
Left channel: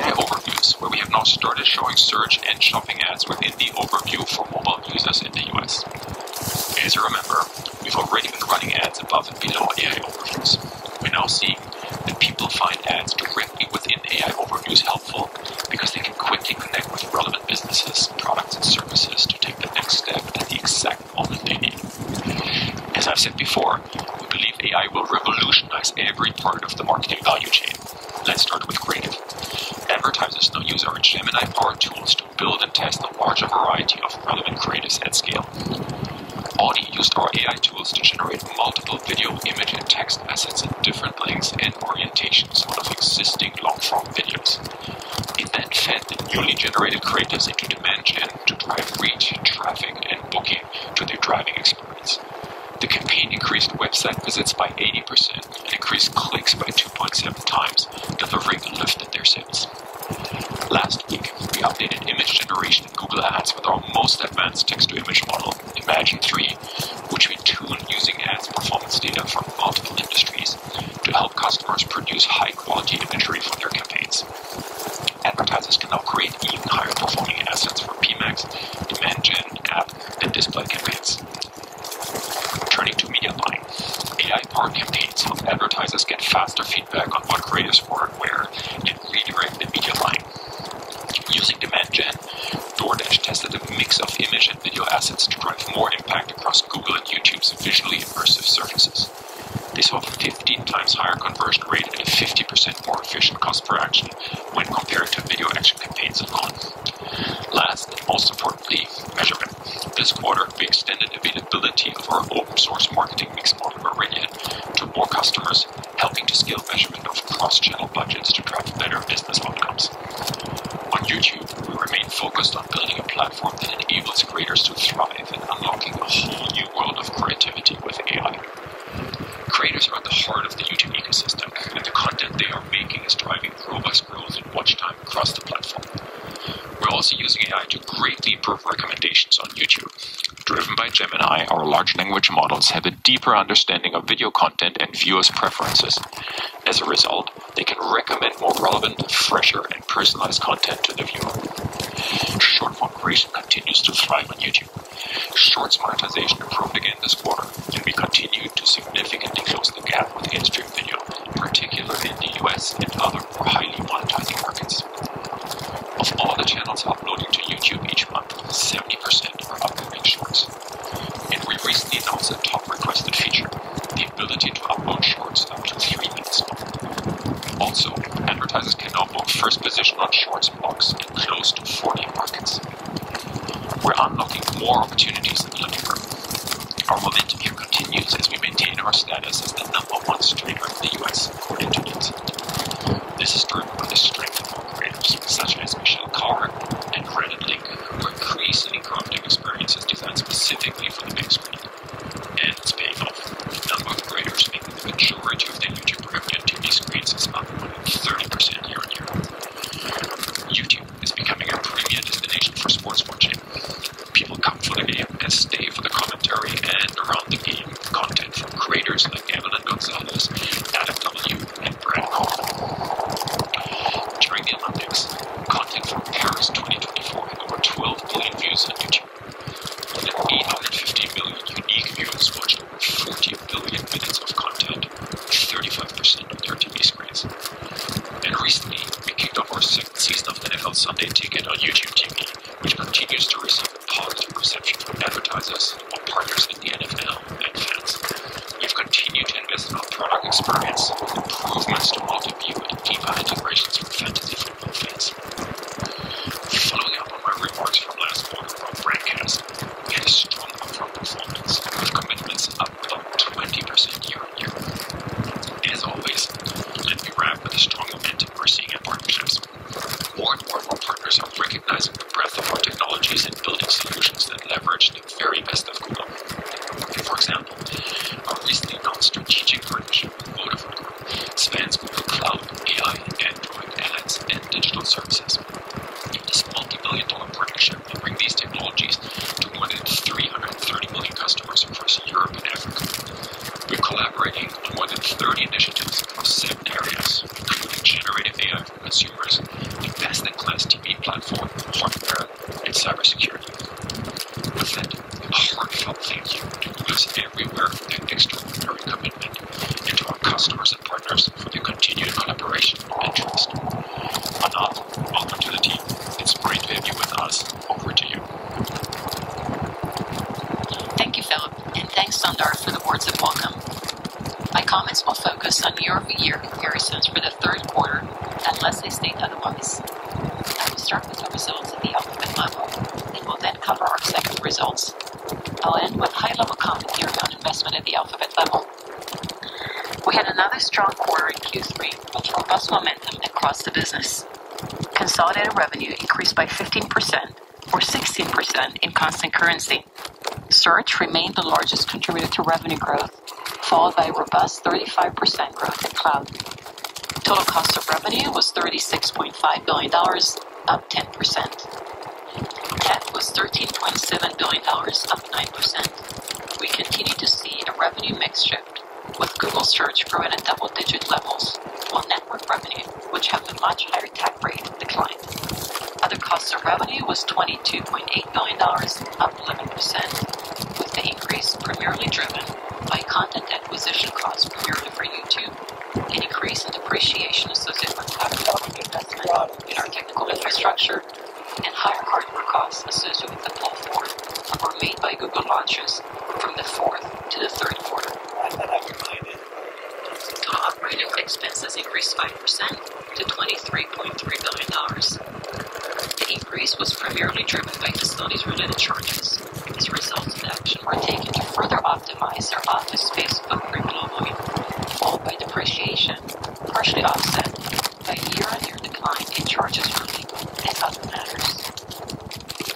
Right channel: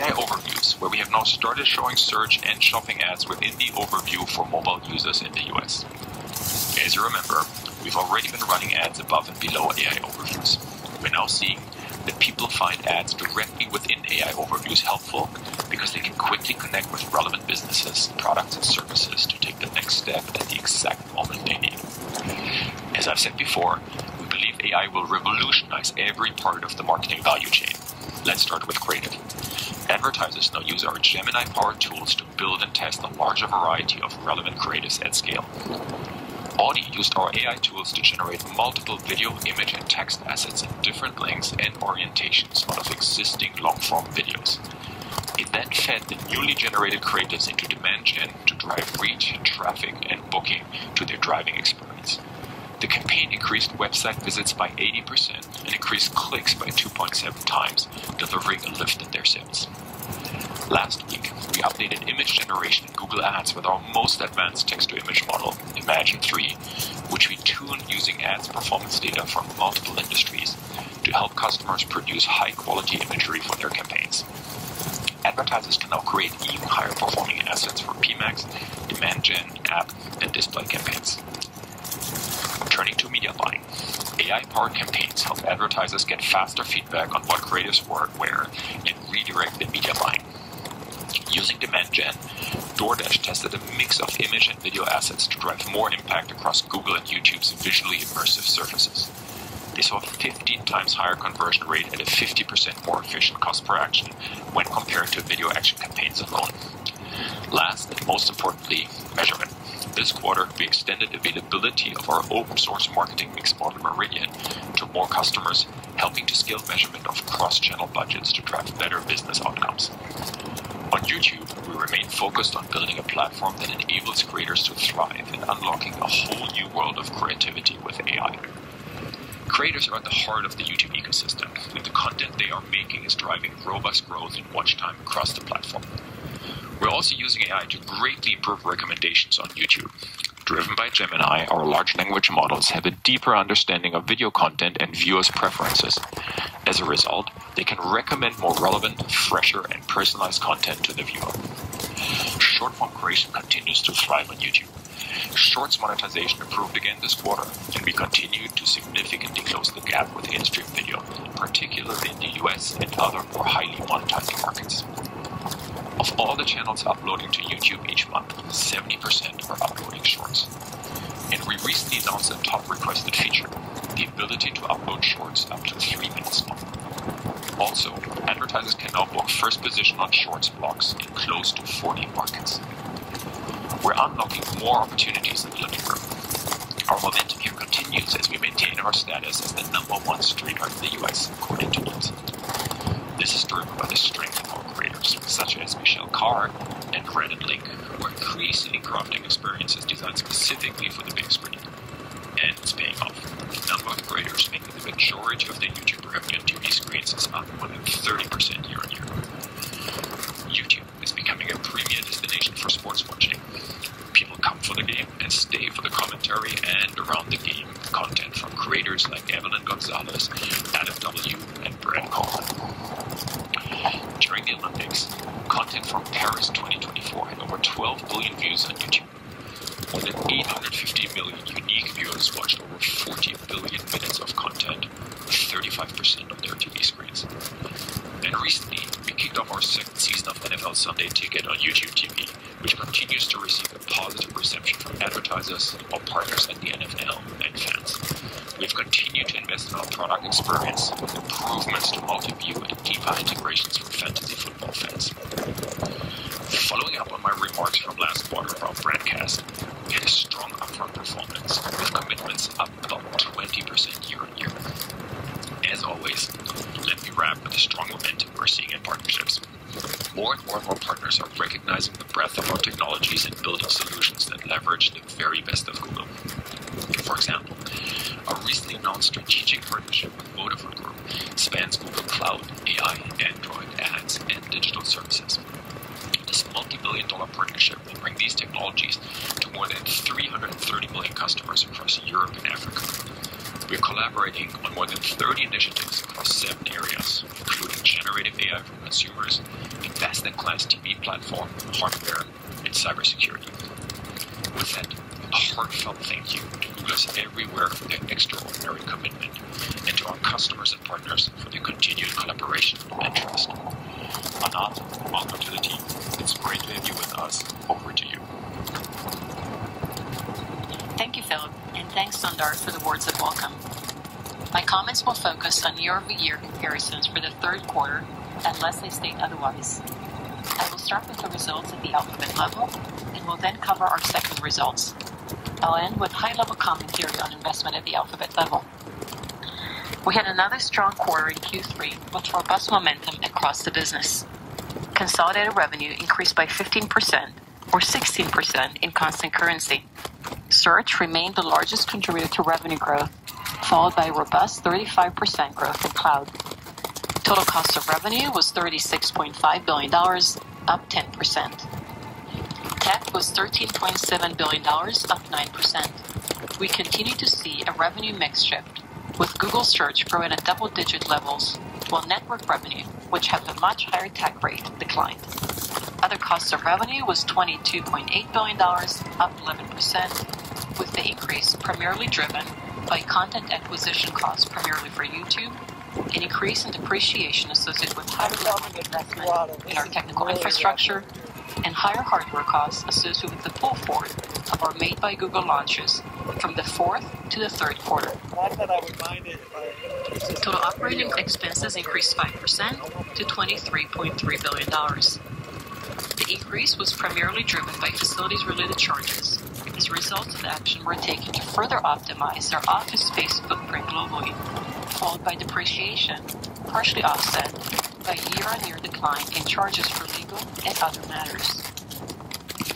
AI overviews, where we have now started showing search and shopping ads within the overview for mobile users in the US. As you remember, we've already been running ads above and below AI overviews. We're now seeing that people find ads directly within AI overviews helpful because they can quickly connect with relevant businesses, products, and services to take the next step at the exact moment they need. As I've said before, we believe AI will revolutionize every part of the marketing value chain. Let's start with creative. Advertisers now use our Gemini-powered tools to build and test a larger variety of relevant creatives at scale. Audi used our AI tools to generate multiple video, image, and text assets in different lengths and orientations out of existing long-form videos. It then fed the newly generated creatives into demand gen to drive reach, traffic, and booking to their driving experience. The campaign increased website visits by 80% and increased clicks by 2.7 times, delivering a lift in their sales. Last week, we updated image generation in Google Ads with our most advanced text-to-image model, Imagen 3, which we tune using ads performance data from multiple industries to help customers produce high-quality imagery for their campaigns. Advertisers can now create even higher performing assets for PMax, demand gen, app, and display campaigns. Turning to media buying, AI-powered campaigns help advertisers get faster feedback on what creatives work where and redirect their media buying. Using demand gen, DoorDash tested a mix of image and video assets to drive more impact across Google and YouTube's visually immersive surfaces. They saw a 15 times higher conversion rate and a 50% more efficient cost per action when compared to video action campaigns alone. Last and most importantly, measurement. This this quarter, we extended availability of our open source marketing mix model Meridian to more customers, helping to scale measurement of cross-channel budgets to drive better business outcomes. On YouTube, we remain focused on building a platform that enables creators to thrive and unlocking a whole new world of creativity with AI. Creators are at the heart of the YouTube ecosystem, and the content they are making is driving robust growth in watch time across the platform. We're also using AI to greatly improve recommendations on YouTube. Driven by Gemini, our large language models have a deeper understanding of video content and viewers' preferences. As a result, they can recommend more relevant, fresher, and personalized content to the viewer. Short-form creation continues to thrive on YouTube. Shorts monetization improved again this quarter, and we continue to significantly close the gap with in-stream video, particularly in the US and other more highly monetizing markets. Of all the channels uploading to YouTube each month, 70% are uploading shorts. And we recently announced a top requested feature, the ability to upload shorts up to 3 minutes long. Also, advertisers can now book first position on shorts blocks in close to 40 markets. We're unlocking more opportunities in the living room. Our momentum here continues as we maintain our status as the #1 streamer in the US, according to Nielsen. This is driven by the strength of our creators, such as Michelle Carr and Reddit Link, who are increasingly crafting experiences designed specifically for the big screen. And it's paying off. The number of creators making the majority of their YouTube revenue on TV screens is up more than 30% year on year. YouTube is becoming a premier destination for sports watching. People come for the game and stay for the commentary and around the game content from creators like Evelyn Gonzalez, Adam W., and Brad Coleman. During the Olympics, content from Paris 2024 had over 12 billion views on YouTube. More than 850 million unique viewers watched over 40 billion minutes of content, with 35% on their TV screens. And recently, we kicked off our second season of NFL Sunday Ticket on YouTube TV, which continues to receive a positive reception from advertisers, our partners at the NFL, and fans. We've continued to invest in our product experience with improvements to multi-view and deeper integrations for fantasy football fans. Following up on my remarks from last quarter about broadcast, we had a strong upfront performance, with commitments up about 20% year on year. As always, let me wrap with the strong momentum we're seeing in partnerships. More and more of our partners are recognizing the breadth of our technologies and building solutions that leverage the very best of Google. For example, our recently announced strategic partnership with Vodafone Group spans Google Cloud, AI, Android, ads, and digital services. This multi-billion-dollar partnership will bring these technologies to more than 330 million customers across Europe and Africa. We're collaborating on more than 30 initiatives across 7 areas, including generative AI for consumers, the best-in-class TV platform, hardware, and cybersecurity. With that, a heartfelt thank you to Googlers everywhere for their extraordinary commitment, and to our customers and partners for their continued collaboration and trust. Anat, welcome to the team. It's great to have you with us. Over to you. Thank you, Philip, and thanks, Sundar, for the words of welcome. My comments will focus on year-over-year comparisons for the third quarter, unless they state otherwise. I will start with the results at the Alphabet level, and will then cover our segment results. I'll end with high-level commentary on investment at the Alphabet level. We had another strong quarter in Q3 with robust momentum across the business. Consolidated revenue increased by 15%, or 16% in constant currency. Search remained the largest contributor to revenue growth, followed by a robust 35% growth in cloud. Total cost of revenue was $36.5 billion, up 10%. Tech was $13.7 billion, up 9%. We continue to see a revenue mix shift, with Google Search growing at double-digit levels, while network revenue, which has a much higher tech rate, declined. Other costs of revenue was $22.8 billion, up 11%, with the increase primarily driven by content acquisition costs primarily for YouTube, an increase in depreciation associated with higher level of investment in our technical infrastructure, and higher hardware costs associated with the pull forward of our Made by Google launches from the fourth to the third quarter. Total operating expenses increased 5% to $23.3 billion. The increase was primarily driven by facilities-related charges, As a result of the action we're taking to further optimize our office space footprint globally, followed by depreciation, partially offset by a year-on-year decline in charges for legal and other matters.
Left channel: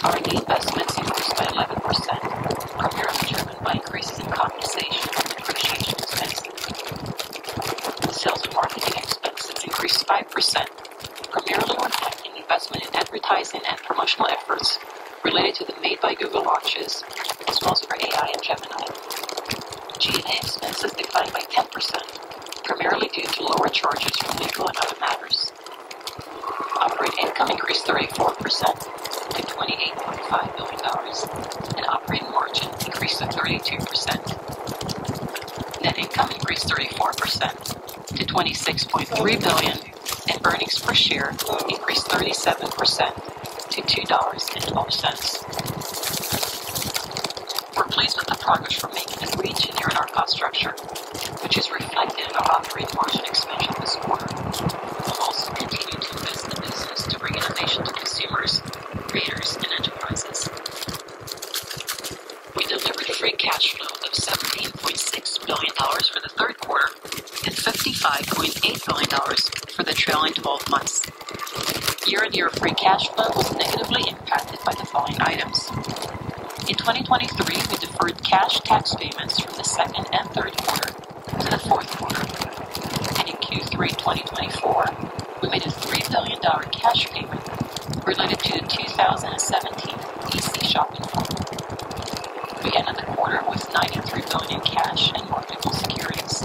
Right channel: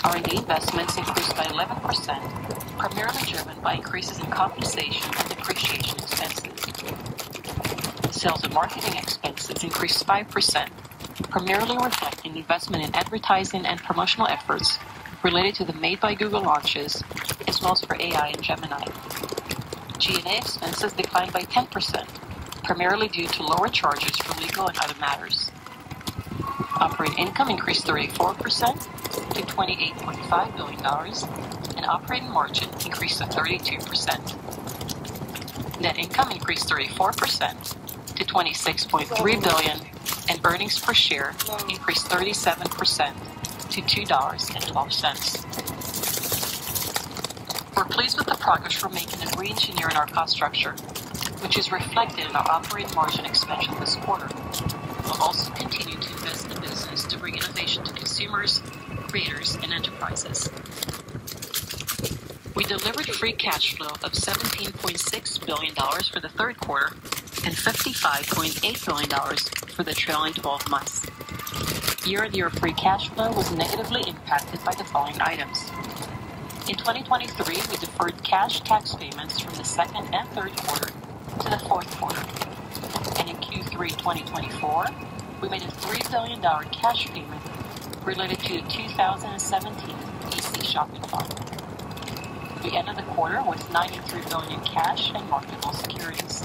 R&D investments increased by 11%, primarily driven by increases in compensation and depreciation expenses. Sales and marketing expenses increased 5%, primarily reflecting investment in advertising and promotional efforts related to the Made by Google launches, as well as for AI and Gemini. G&A expenses declined by 10%, primarily due to lower charges for legal and other matters. Operating income increased 34% to $28.5 billion, and operating margin increased to 32%. Net income increased 34% to $26.3 billion, and earnings per share increased 37% to $2.12. We're pleased with the progress we're making in re-engineering our cost structure, which is reflected in our operating margin expansion this quarter. We'll also continue to invest in the business to bring innovation to consumers, creators, and enterprises. We delivered free cash flow of $17.6 billion for the third quarter and $55.8 billion for the trailing 12 months. Year-on-year free cash flow was negatively impacted by the following items. In 2023, we deferred cash tax payments from the second and third quarter to the fourth quarter. And in Q3 2024, we made a $3 billion cash payment related to the 2017 PC shopping mall. We ended the quarter with $93 billion in cash and marketable securities.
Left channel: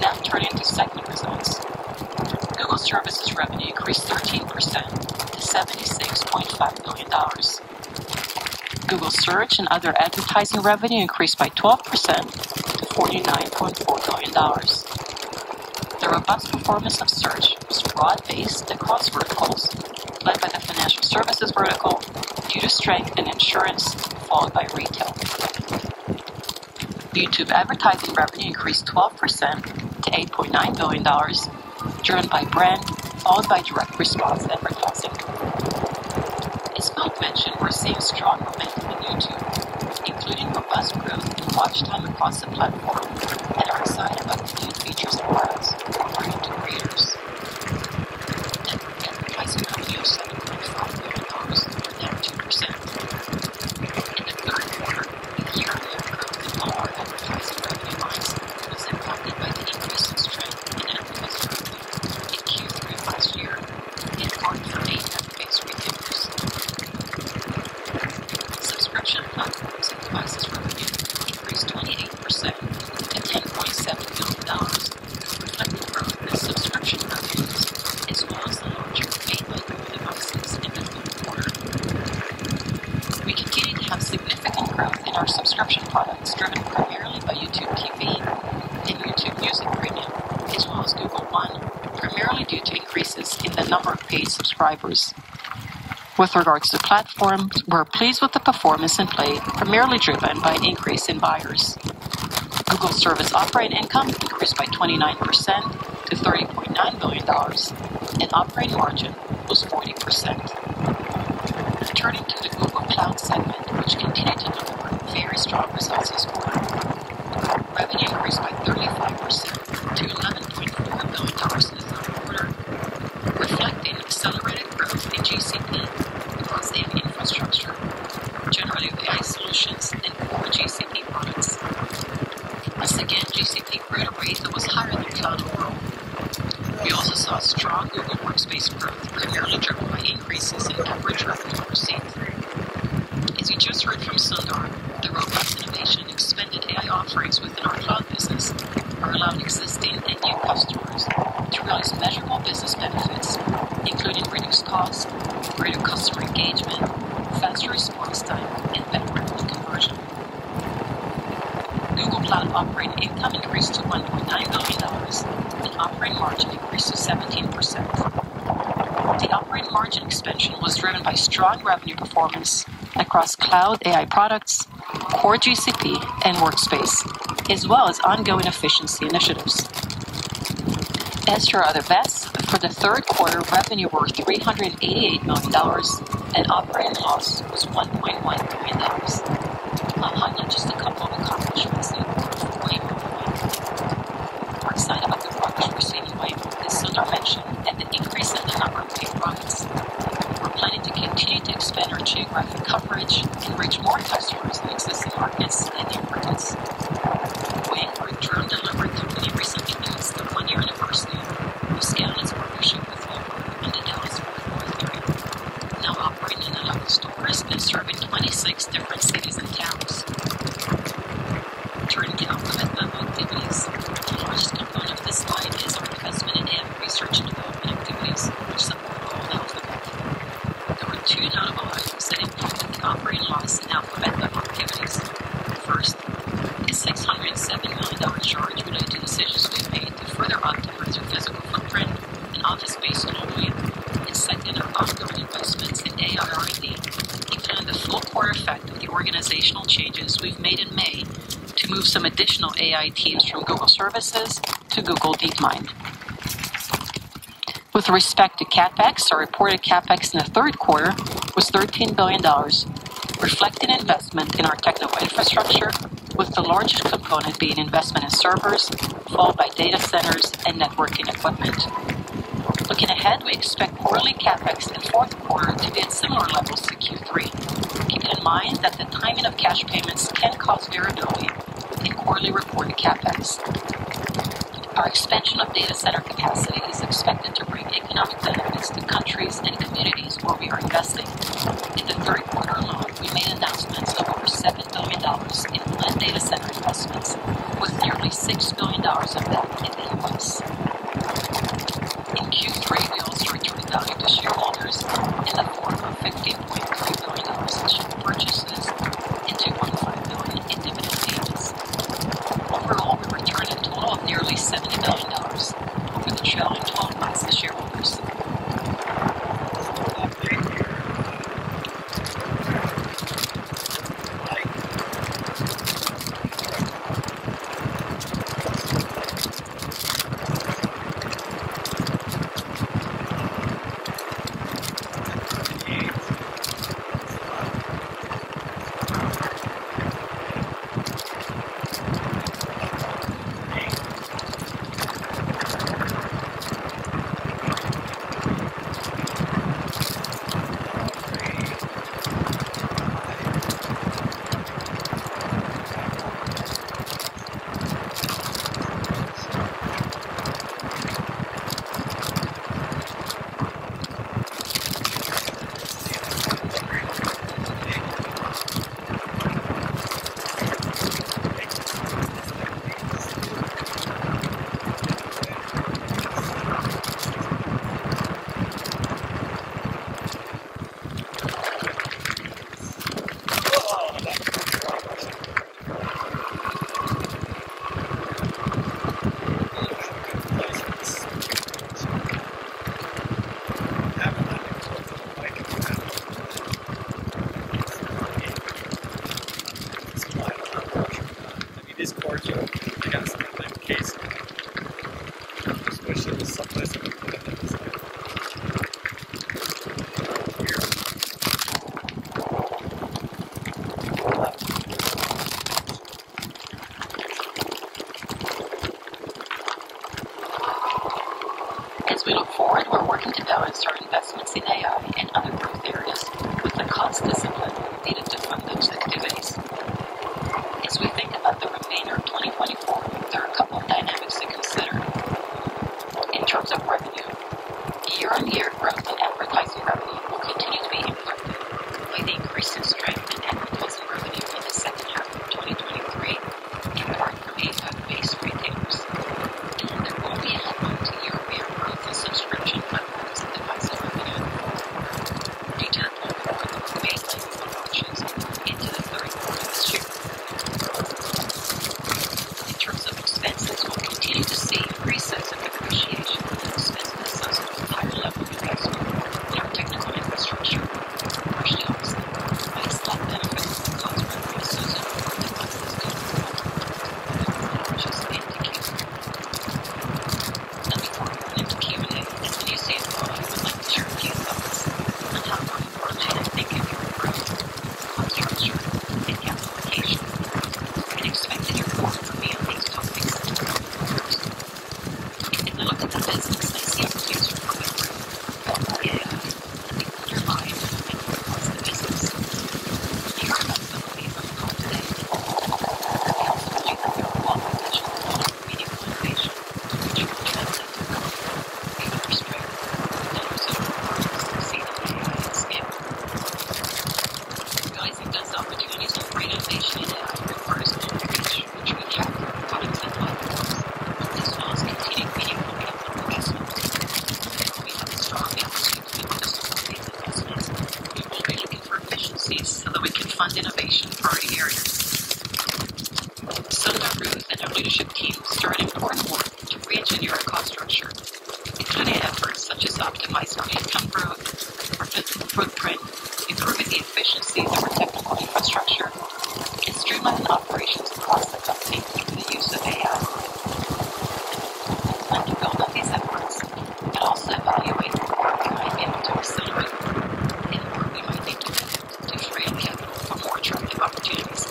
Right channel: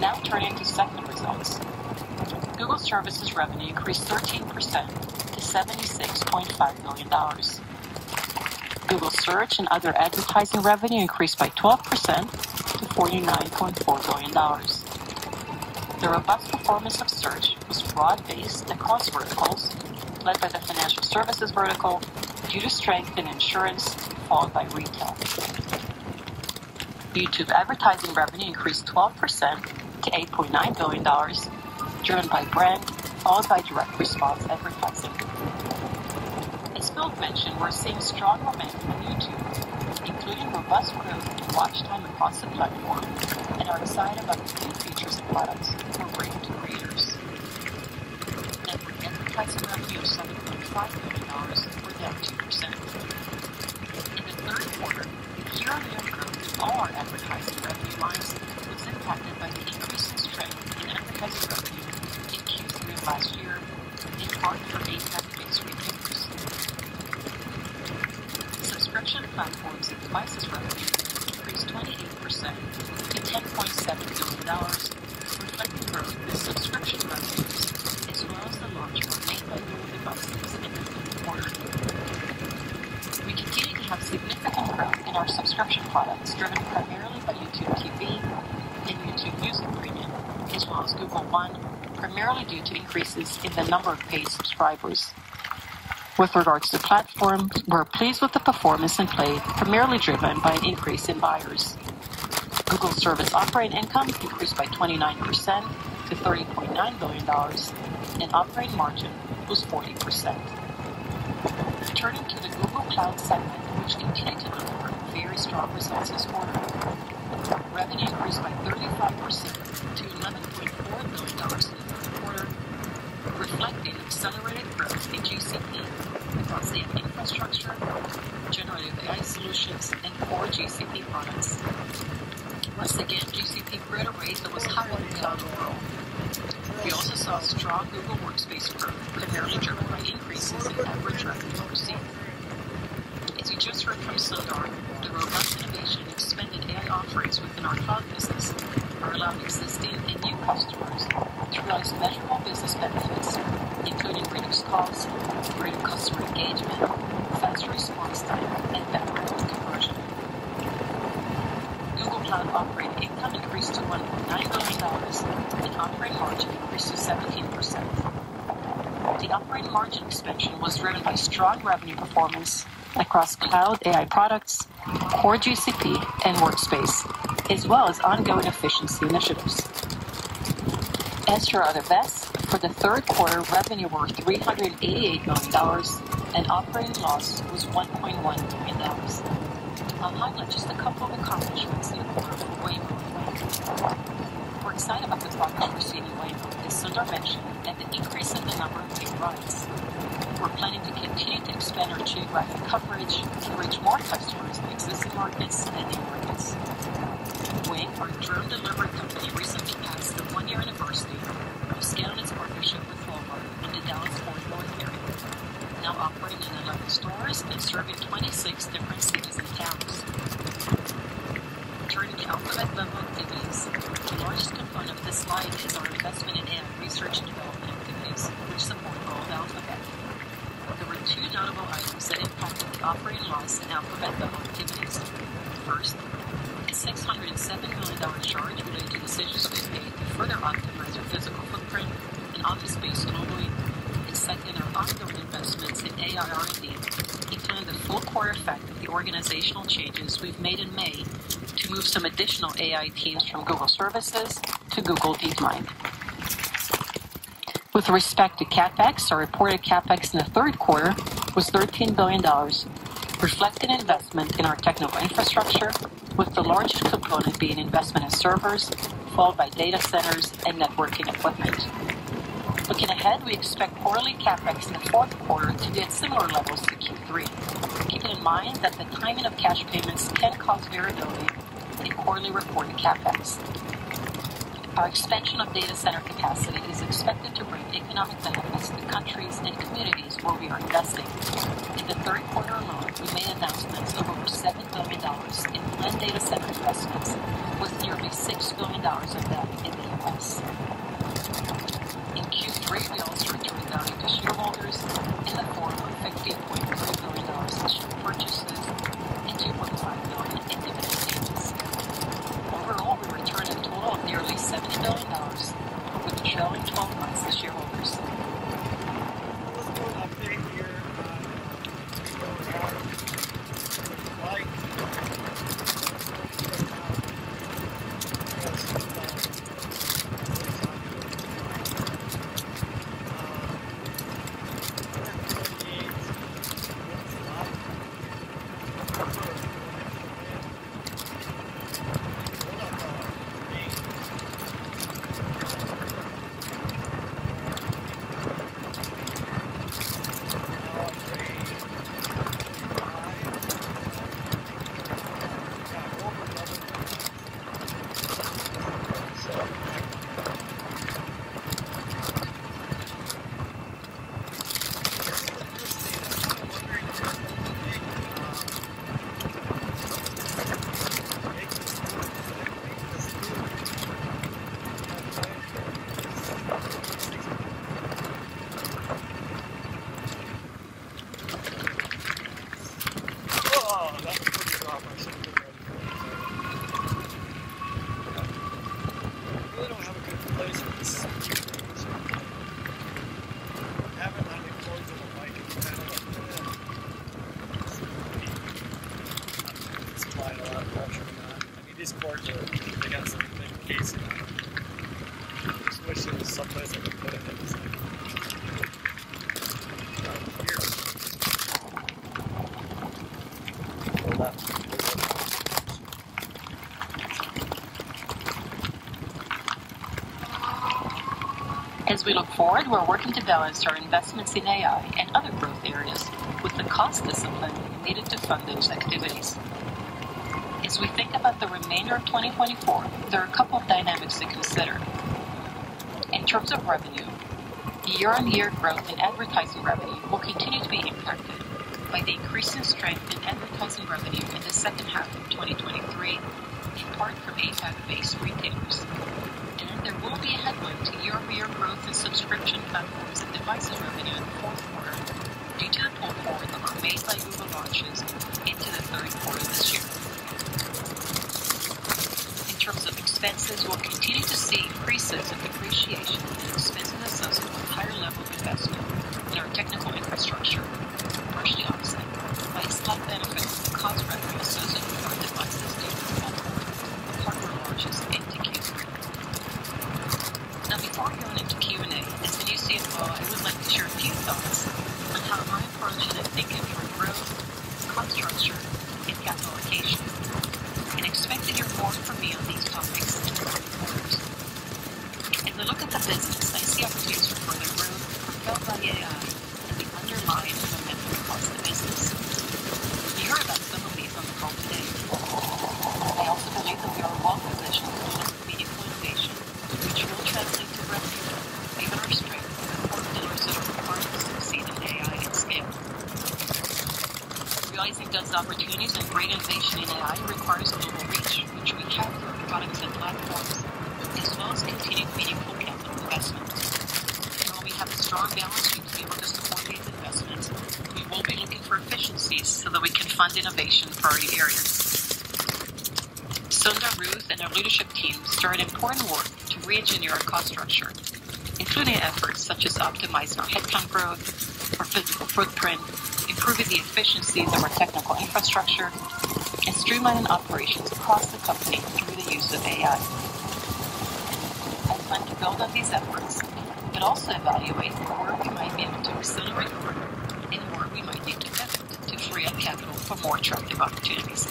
Now turning to segment results. Google Services revenue increased 13% to $76.5 billion. Google Search and other advertising revenue increased by 12% to $49.4 billion. The robust performance of Search was broad-based across verticals, led by the financial services vertical due to strength in insurance, followed by retail. YouTube advertising revenue increased 12% to $8.9 billion, driven by brand, followed by direct response advertising. As Phil mentioned, we're seeing strong momentum in YouTube, including robust growth in watch time across the platform, and are excited about the new features and products we're bringing to creators. Advertising revenue of $7.5 billion was down 2%. In the third quarter, year-on-year growth in all our advertising revenue lines was impacted by the increase in strength in advertising revenue in Q3 last year, in part from APAC-based retailers. Subscription platforms and devices revenue increased 28% to $10.7 billion, reflecting growth in subscription revenues, as well as the launch of Made by Google devices in the third quarter. We continue to have significant growth in our subscription products, driven primarily by YouTube TV and YouTube Music Premium, as well as Google One, primarily due to increases in the number of paid subscribers. With regards to platform, we're pleased with the performance in Play, primarily driven by an increase in buyers. Google Service operating income increased by 29% to $30.9 billion, and operating margin was 40%. Turning to the Google Cloud segment, which continued to deliver very strong results this quarter. Revenue increased by 35% to $11.4 billion in the third quarter, reflecting accelerated growth in GCP across AI infrastructure, generative AI solutions, and core GCP products. Once again, GCP grew at a rate that was higher than cloud overall. We also saw strong Google Workspace growth, primarily driven by increases in average revenue per seat. As you just heard from Sundar, the robust innovation and expanded AI offerings within our cloud business are allowing existing and new customers to realize measurable business benefits, including reduced costs, greater customer engagement, faster response time, and better revenue conversion. Google Cloud operating income increased to $1.9 billion, and operating margin increased to 17%. The operating margin expansion was driven by strong revenue performance across cloud AI products, core GCP, and Workspace, as well as ongoing efficiency initiatives. As for other bets, for the third quarter, revenue were $388 million, and operating loss was $1.1 million. I'll highlight just a couple of accomplishments in the quarter for Waymo. We're excited about the progress we're seeing in Waymo, as Sundar mentioned, and the increase in the number of paid rides. We're planning to continue to expand our geographic coverage and reach more customers in existing markets and new markets. Waymo, our drone delivery company, recently passed the 1-year anniversary of scaling its partnership with Walmart in the Dallas-Fort Worth area, now operating in 11 stores and serving 26 different cities and towns. Turning to alphabet level activities, the largest component of this slide is our investment in AI research and development activities, which support all of Alphabet. There were 2 notable items that impacted the operating loss in alphabet level activities. First, a $607 million charge related to decisions we made to further optimize our physical footprint and office space globally, and second, our ongoing investments in AI R&D, including the full core effect of the organizational changes we've made in May to move some additional AI teams from Google Services to Google DeepMind. With respect to CapEx, our reported CapEx in the third quarter was $13 billion, reflecting investment in our technical infrastructure, with the largest component being investment in servers, followed by data centers and networking equipment. Looking ahead, we expect quarterly CapEx in the fourth quarter to be at similar levels to Q3, keeping in mind that the timing of cash payments can cause variability in quarterly reported CapEx. Our expansion of data center capacity is expected to bring economic benefits to countries and communities where we are investing. In the third quarter alone, we made announcements of over $7 billion in land data center investments, with nearly $6 billion of that in the U.S. In Q3, we also returned value to shareholders in the form of $15.3 billion in share purchases and $2.5 billion in dividend payments. Overall, we returned a total of nearly $70 billion over the trailing 12 months to shareholders. It is cordial. I got some in my case. Just wish there was someplace I could put it in. As we look forward, we're working to balance our investments in AI and other growth areas with the cost discipline needed to fund those activities. As we think about the remainder of 2024, there are a couple of dynamics to consider. In terms of revenue, year-on-year growth in advertising revenue will continue to be impacted by the increasing strength in advertising revenue in the second half of 2023, in part from APAC-based retailers. And there will be a headwind to year-over-year growth in subscription platforms and devices revenue in the fourth quarter due to the pull opportunities and great innovation in AI requires global reach, which we have through products and platforms, as well as continued meaningful capital investment. While we have a strong balance sheet to be able to support these investments, we will be looking for efficiencies so that we can fund innovation in priority areas. Sundar Ruth and our leadership team started important work to re-engineer our cost structure, including efforts such as optimizing our headcount growth, our physical footprint, improving the efficiencies of our technical infrastructure, and streamlining operations across the company through the use of AI. We plan to build on these efforts, but also evaluate where we might be able to accelerate and where we might need to pivot to free up capital for more attractive opportunities.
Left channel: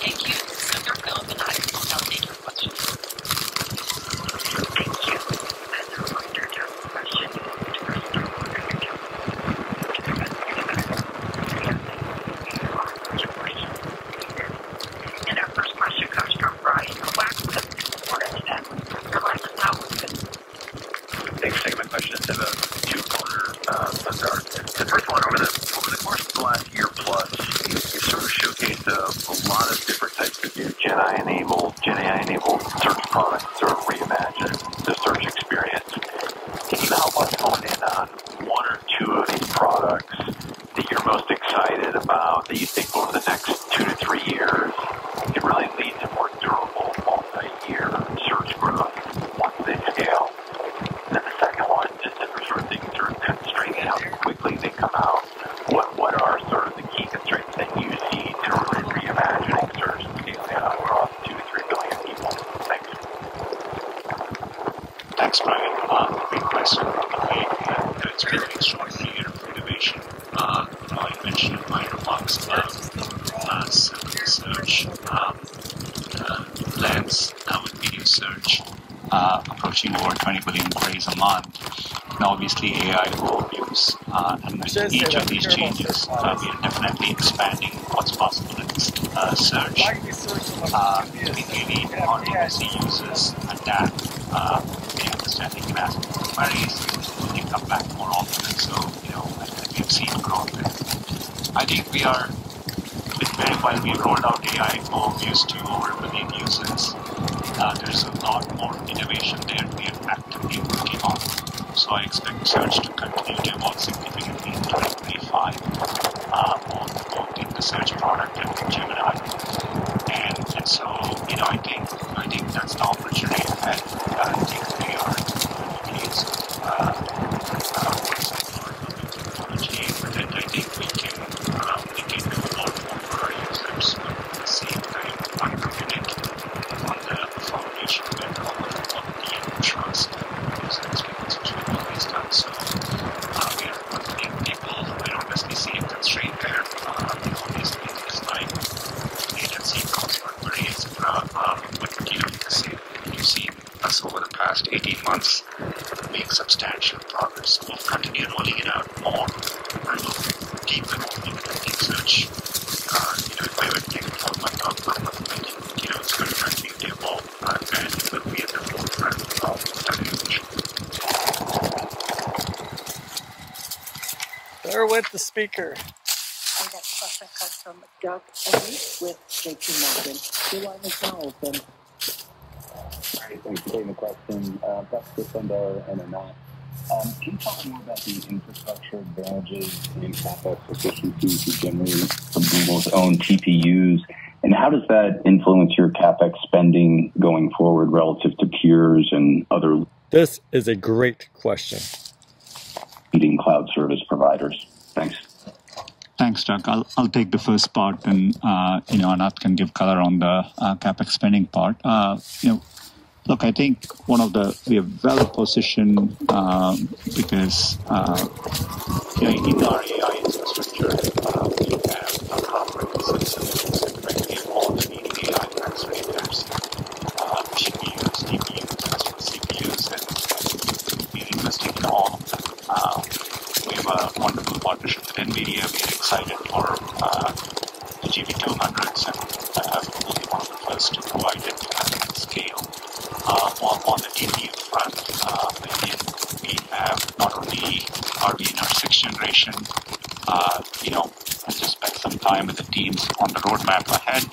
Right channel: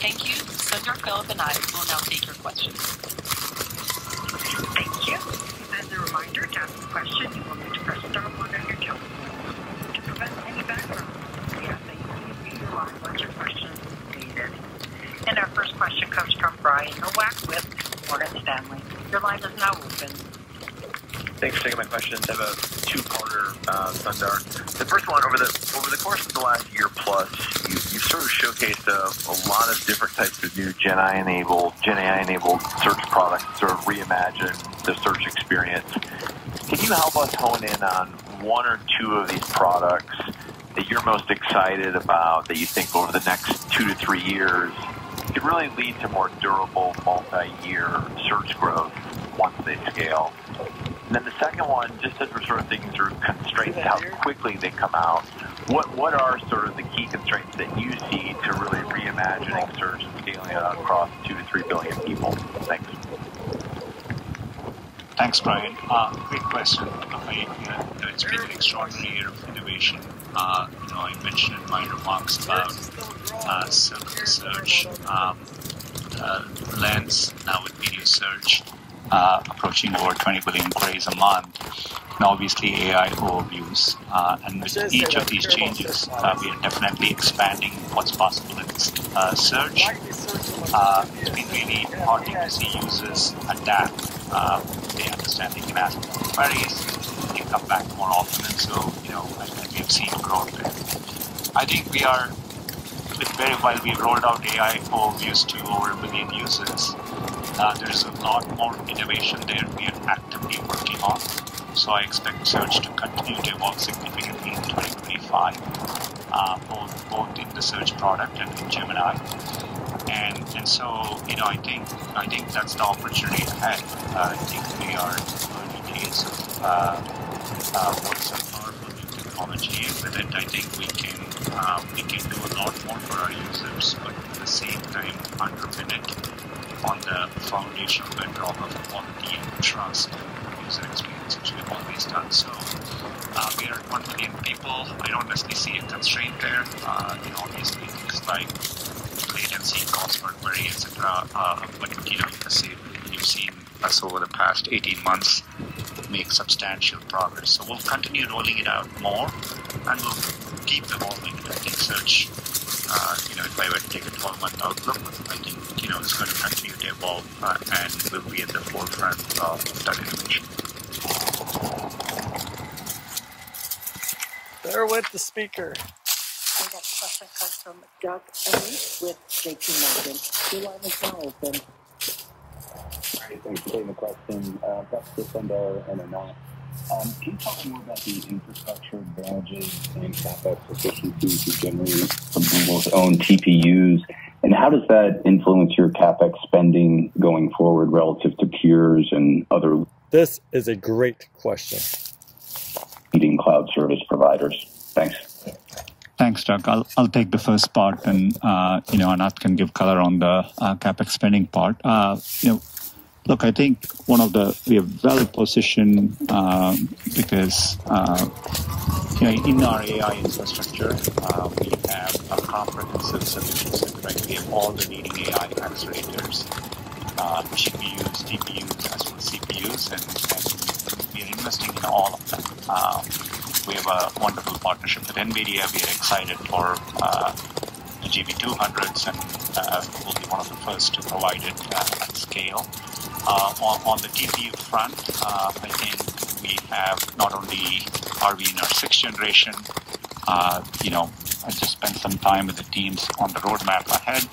Thank you. Sundar, Philip, and I will now take your questions. Thank you. As a reminder, to ask a question, you will need to press star one on your telephone. To prevent feedback, we ask that you limit your questions needed. And our first question comes from Brian Nowak with Morgan Stanley. Your line is now open. Thanks for taking my questions. I have a two-parter, Sundar. The first one, over the course of the last year plus, you sort of showcased a lot of different types of new Gen AI-enabled search products, sort of reimagine the search experience. Can you help us hone in on one or two of these products that you're most excited about, that you think over the next 2 to 3 years could really lead to more durable, multi-year search growth once they scale? And then the second one, just as we're sort of thinking through constraints, how quickly they come out, what are sort of the key constraints that you see to really reimagining search and scaling it out across 2 to 3 billion people? Thanks. Thanks, Brian. Great question. It's been an extraordinary year of innovation. I mentioned in my remarks about search, Lens, now with video search, approaching over 20 billion queries a month. Now, obviously, AI overviews, and with each of these changes, we are definitely expanding what's possible in search. It's been really important to see users adapt. They understand they can ask queries, they come back more often, and so, we have seen growth there. I think we are, while we rolled out AI overviews to over 1 billion users, there's a lot more innovation there we are actively working on. So I expect search to continue to evolve significantly in 2025, both in the search product and in Gemini. And so, I think that's the opportunity ahead. I think we are in the case of technology with it. I think we can do a lot more for our users, but at the same time, underpin it on the foundational bedrock of quality and trust user experience, which we've always done. So we are confident people. I don't necessarily see a constraint there. Obviously, things like latency, password query, etc. But you've seen us over the past 18 months make substantial progress. So we'll continue rolling it out more, and we'll keep evolving. I think search, if I were to give it 12-month outlook, I think, it's going to continue to evolve, and it will be at the forefront of that innovation. There went the speaker. Our next question comes from Doug Anmuth with JP Morgan. Your line is now open. Great, thanks for taking the question. That's for Sundar and Anat. Can you talk more about the infrastructure advantages and CapEx efficiencies you generate from Google's own TPUs, and how does that influence your CapEx spending going forward relative to peers and other This is a great question. leading cloud service providers? Thanks. Thanks, Doug. I'll take the first part, and Anat can give color on the CapEx spending part. Look, I think we are well positioned because in our AI infrastructure, we have a comprehensive solution. Right? We have all the leading AI accelerators, GPUs, DPUs, as well as CPUs, and we are investing in all of them. We have a wonderful partnership with NVIDIA. We are excited for the GB200s, and we'll be one of the first to provide it at scale. On the GPU front, I think we have not only are we in our 6th generation, just spent some time with the teams on the roadmap ahead.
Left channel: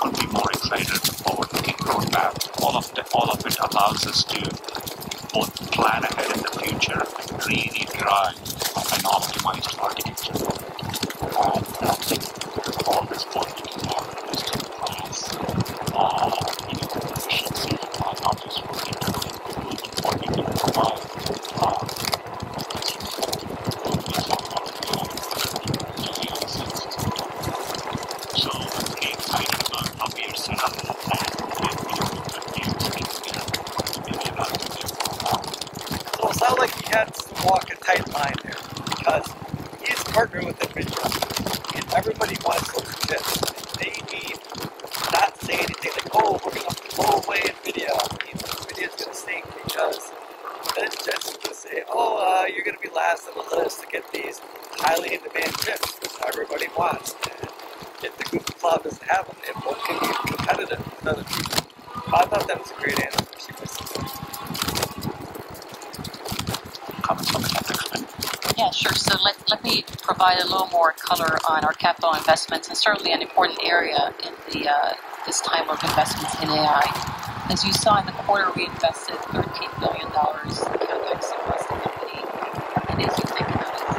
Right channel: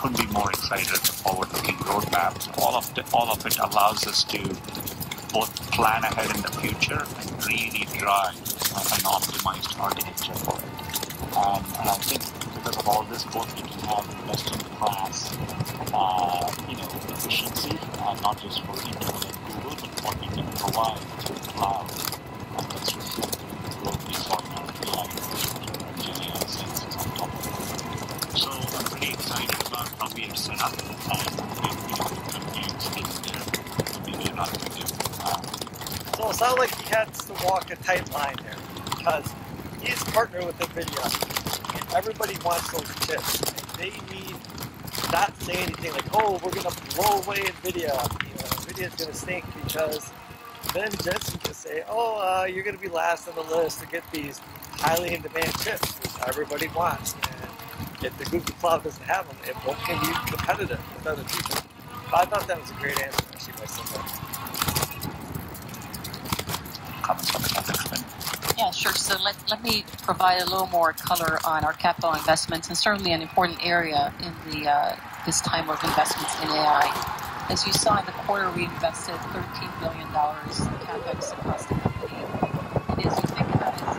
Couldn't be more excited at the forward-looking roadmap. All of it allows us to both plan ahead in the future and really drive an optimized architecture for it. Because of all this work to have best-in-class, efficiency, not just for internally Google, but what you can provide So I'm pretty excited about how we are set up So it sounds like he had to walk a tight line there because he's partnered with NVIDIA and everybody wants those chips. They need not say anything like, oh, we're going to blow away NVIDIA. NVIDIA's going to sink because then Jensen's going to say, oh, you're going to be last on the list to get these highly in-demand chips, which everybody wants. If the Google Cloud doesn't have them, it won't can be competitive with other people. I thought that was a great answer. comments on the CapEx spend? Yeah, sure. So let me provide a little more color on our capital investments, and certainly an important area in this time of investments in AI. As you saw in the quarter, we invested $13 billion in CapEx across the company. And as you think about it,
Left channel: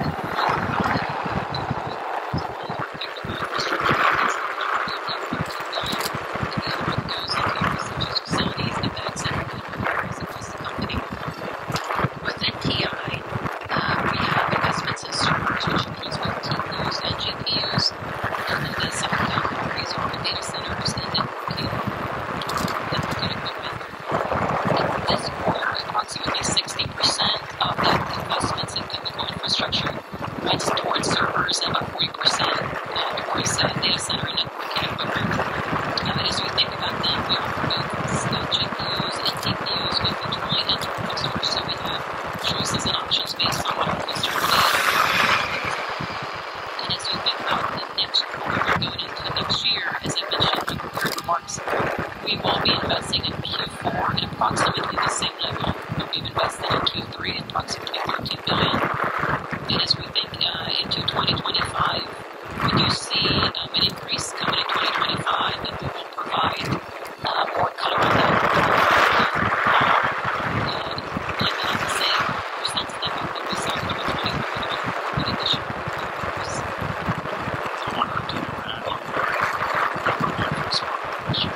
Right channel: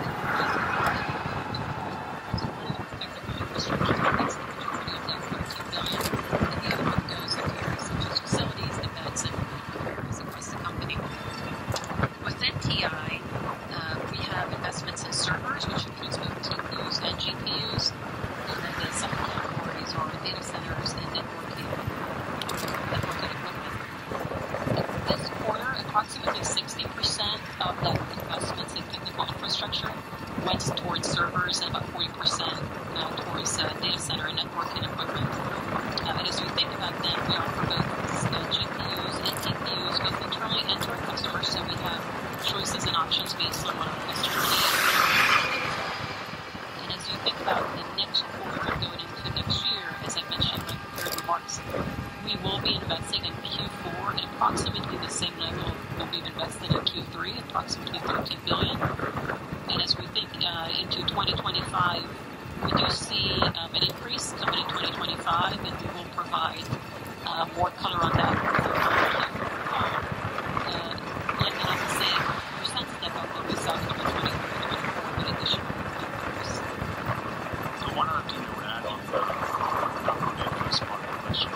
we will be investing in Q4 at approximately the same level that we've invested in Q3, approximately $13 billion. And as we think into 2025, we do see an increase coming in 2025, and we will provide more color on that. Looking at the same percent step up that we saw in 2023 with additional increase. I wanted to add on the smart question.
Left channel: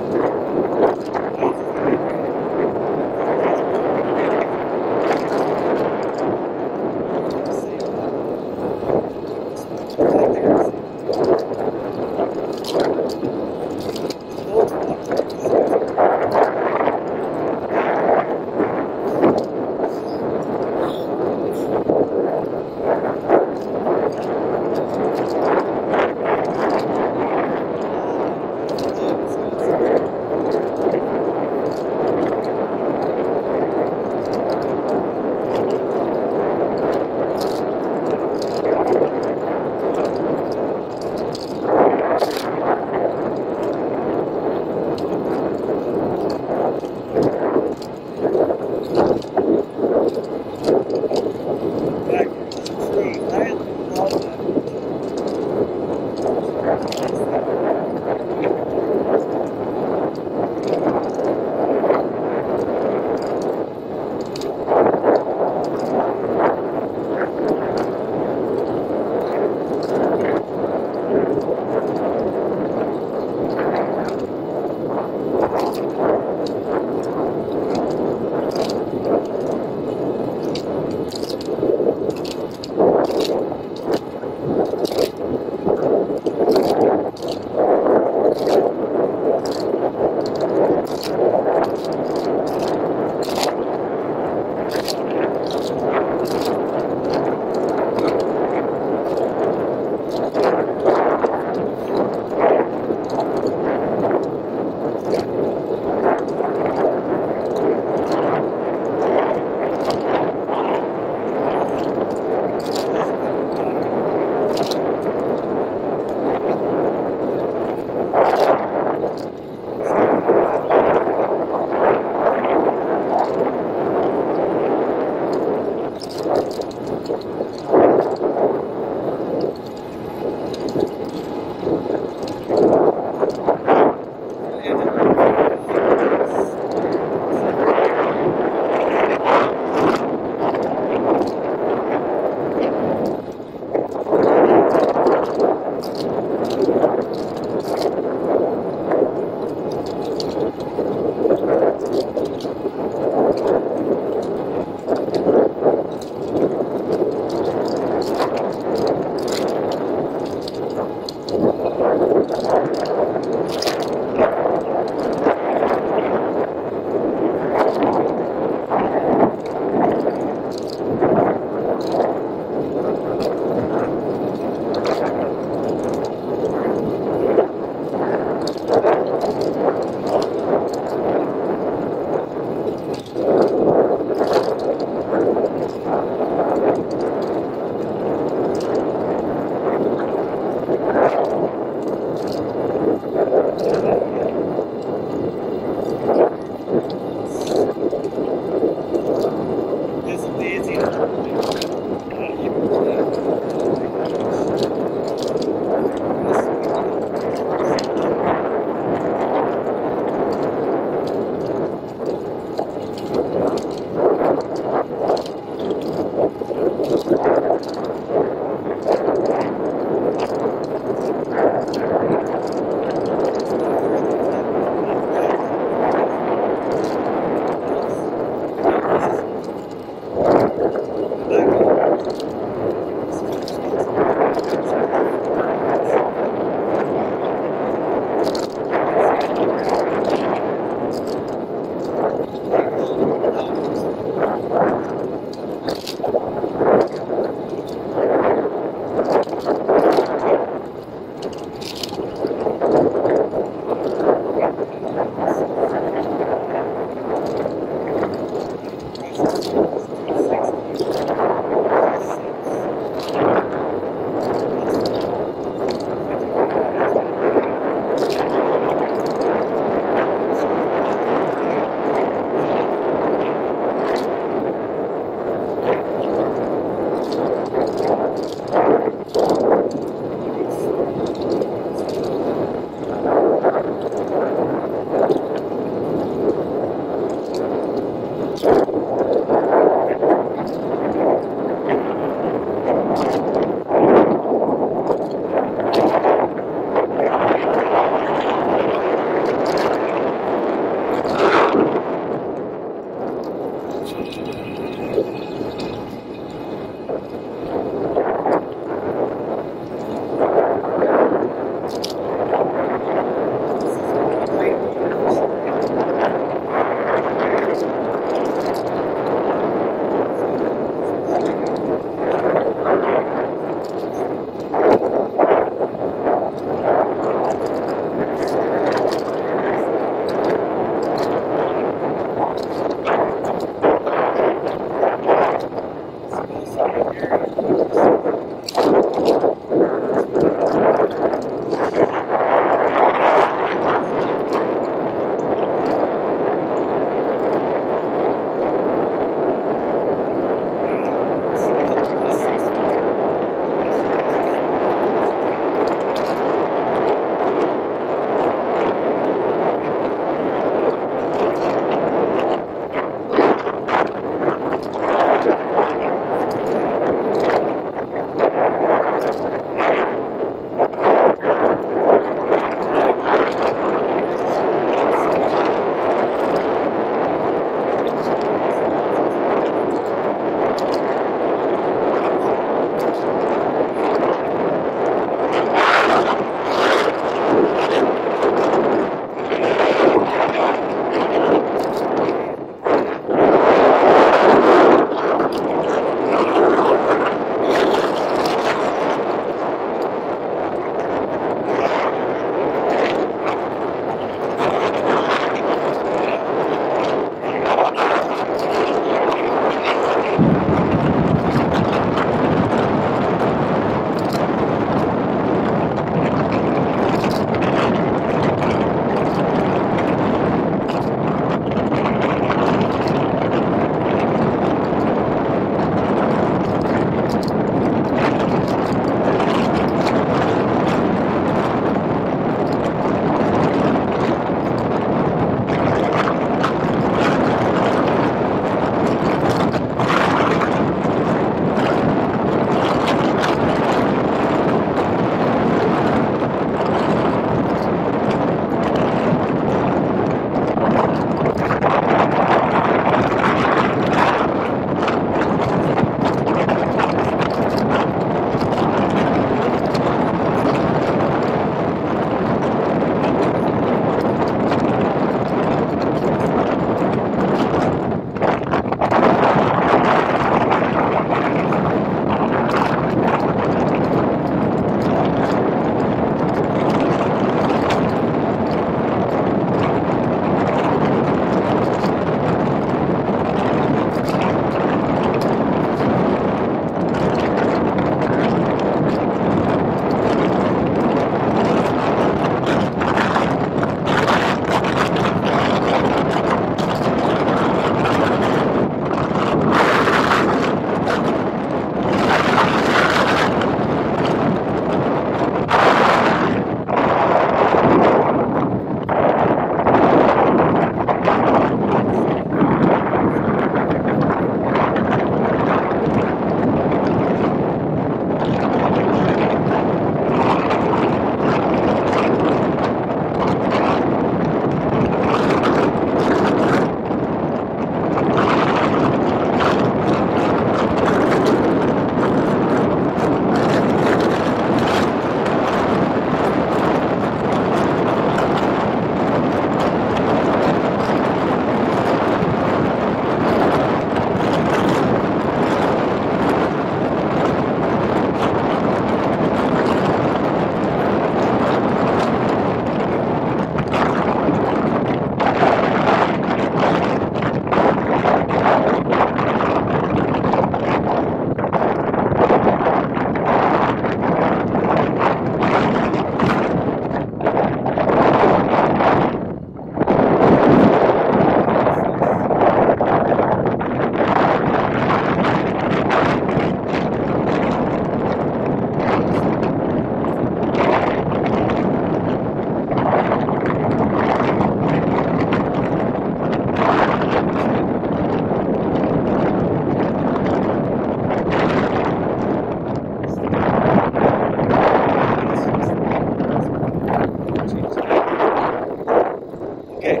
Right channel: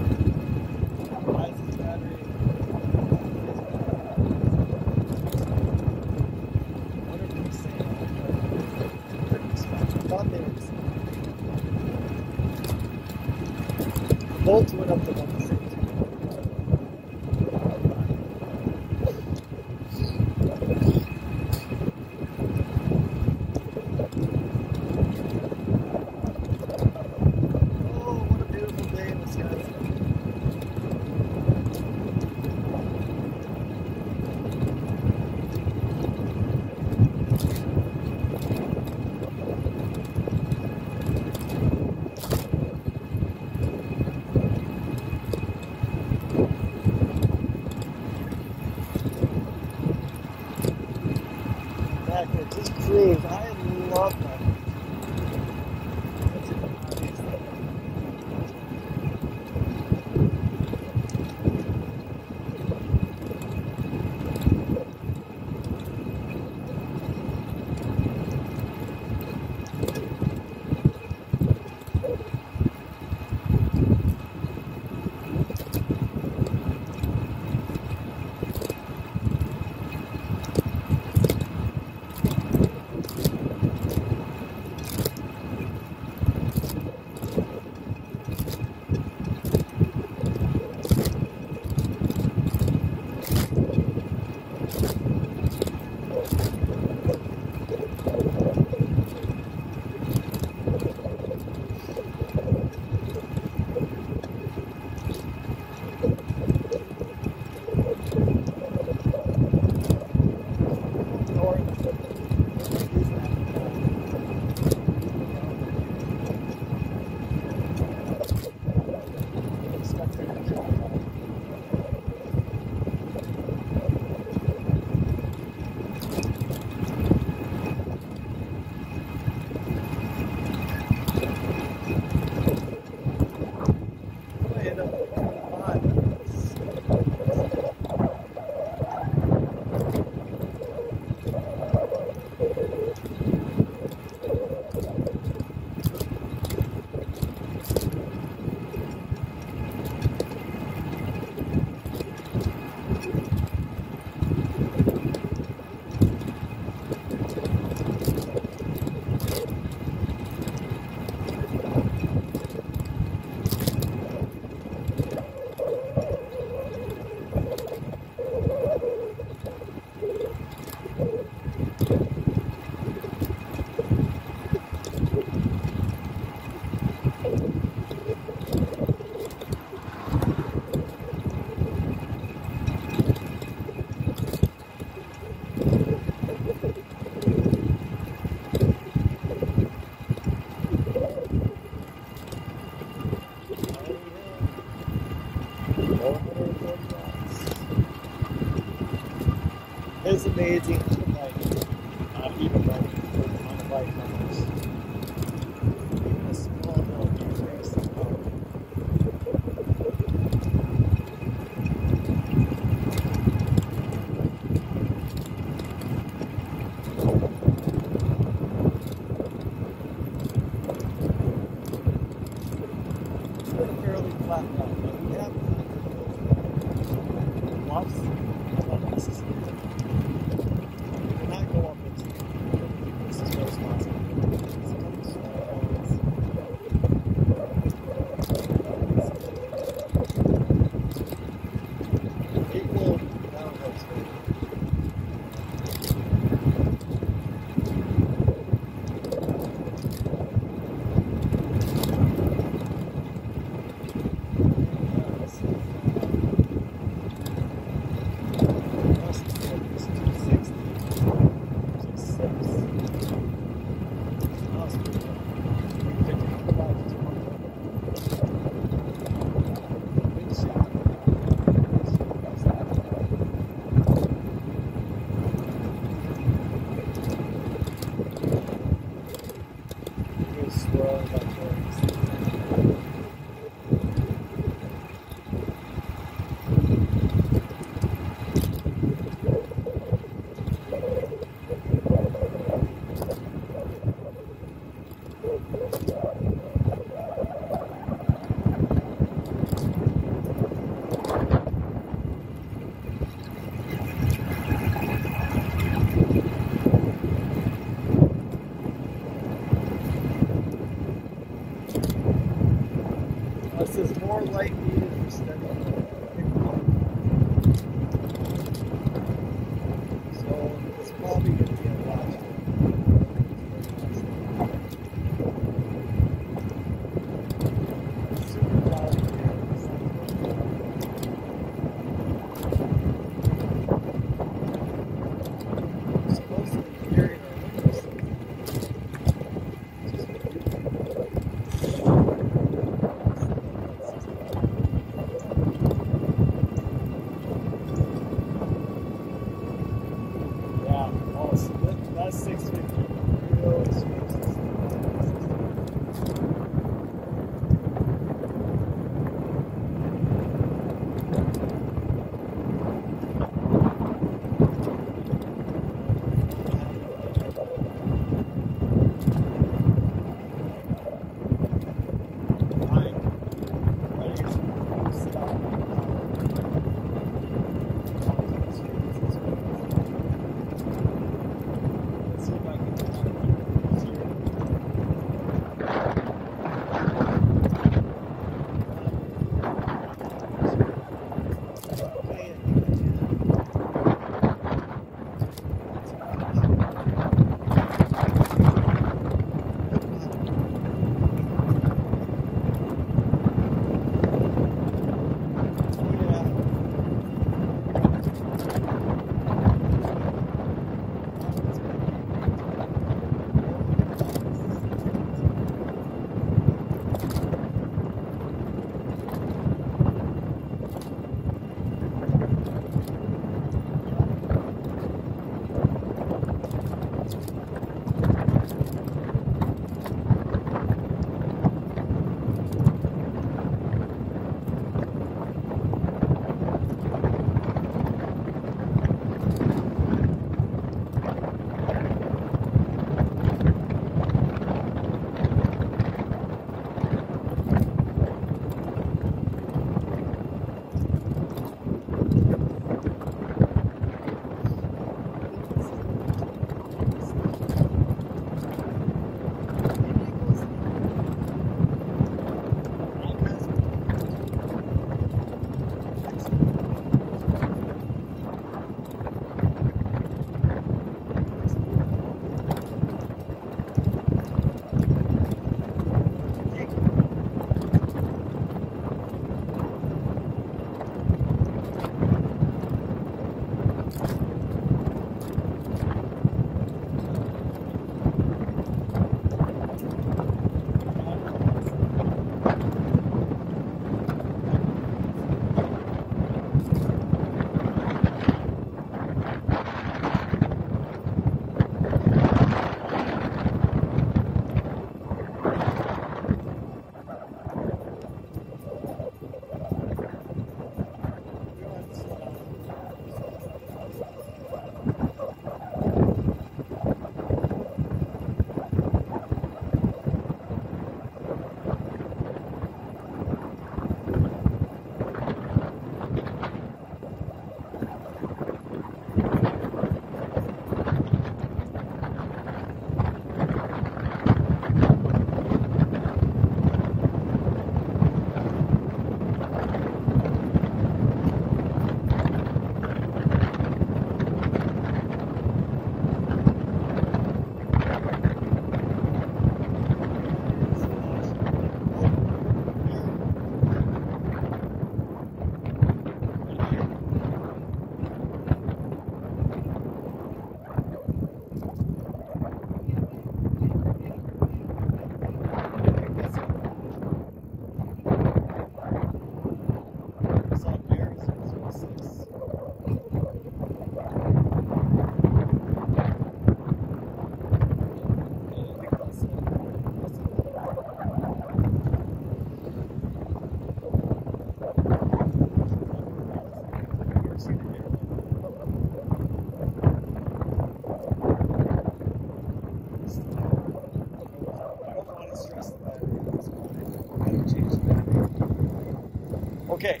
Okay,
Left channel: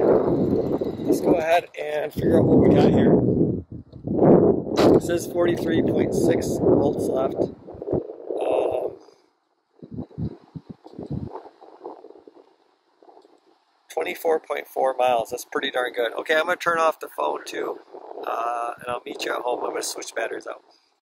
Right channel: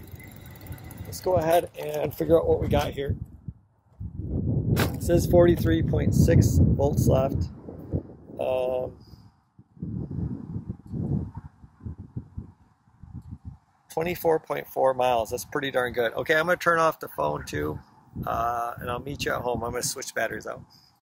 let's go ahead and figure out what we got here. It says 43.6 volts left. 24.4 miles. That's pretty darn good. Okay, I'm going to turn off the phone too, and I'll meet you at home. I'm going to switch batteries out.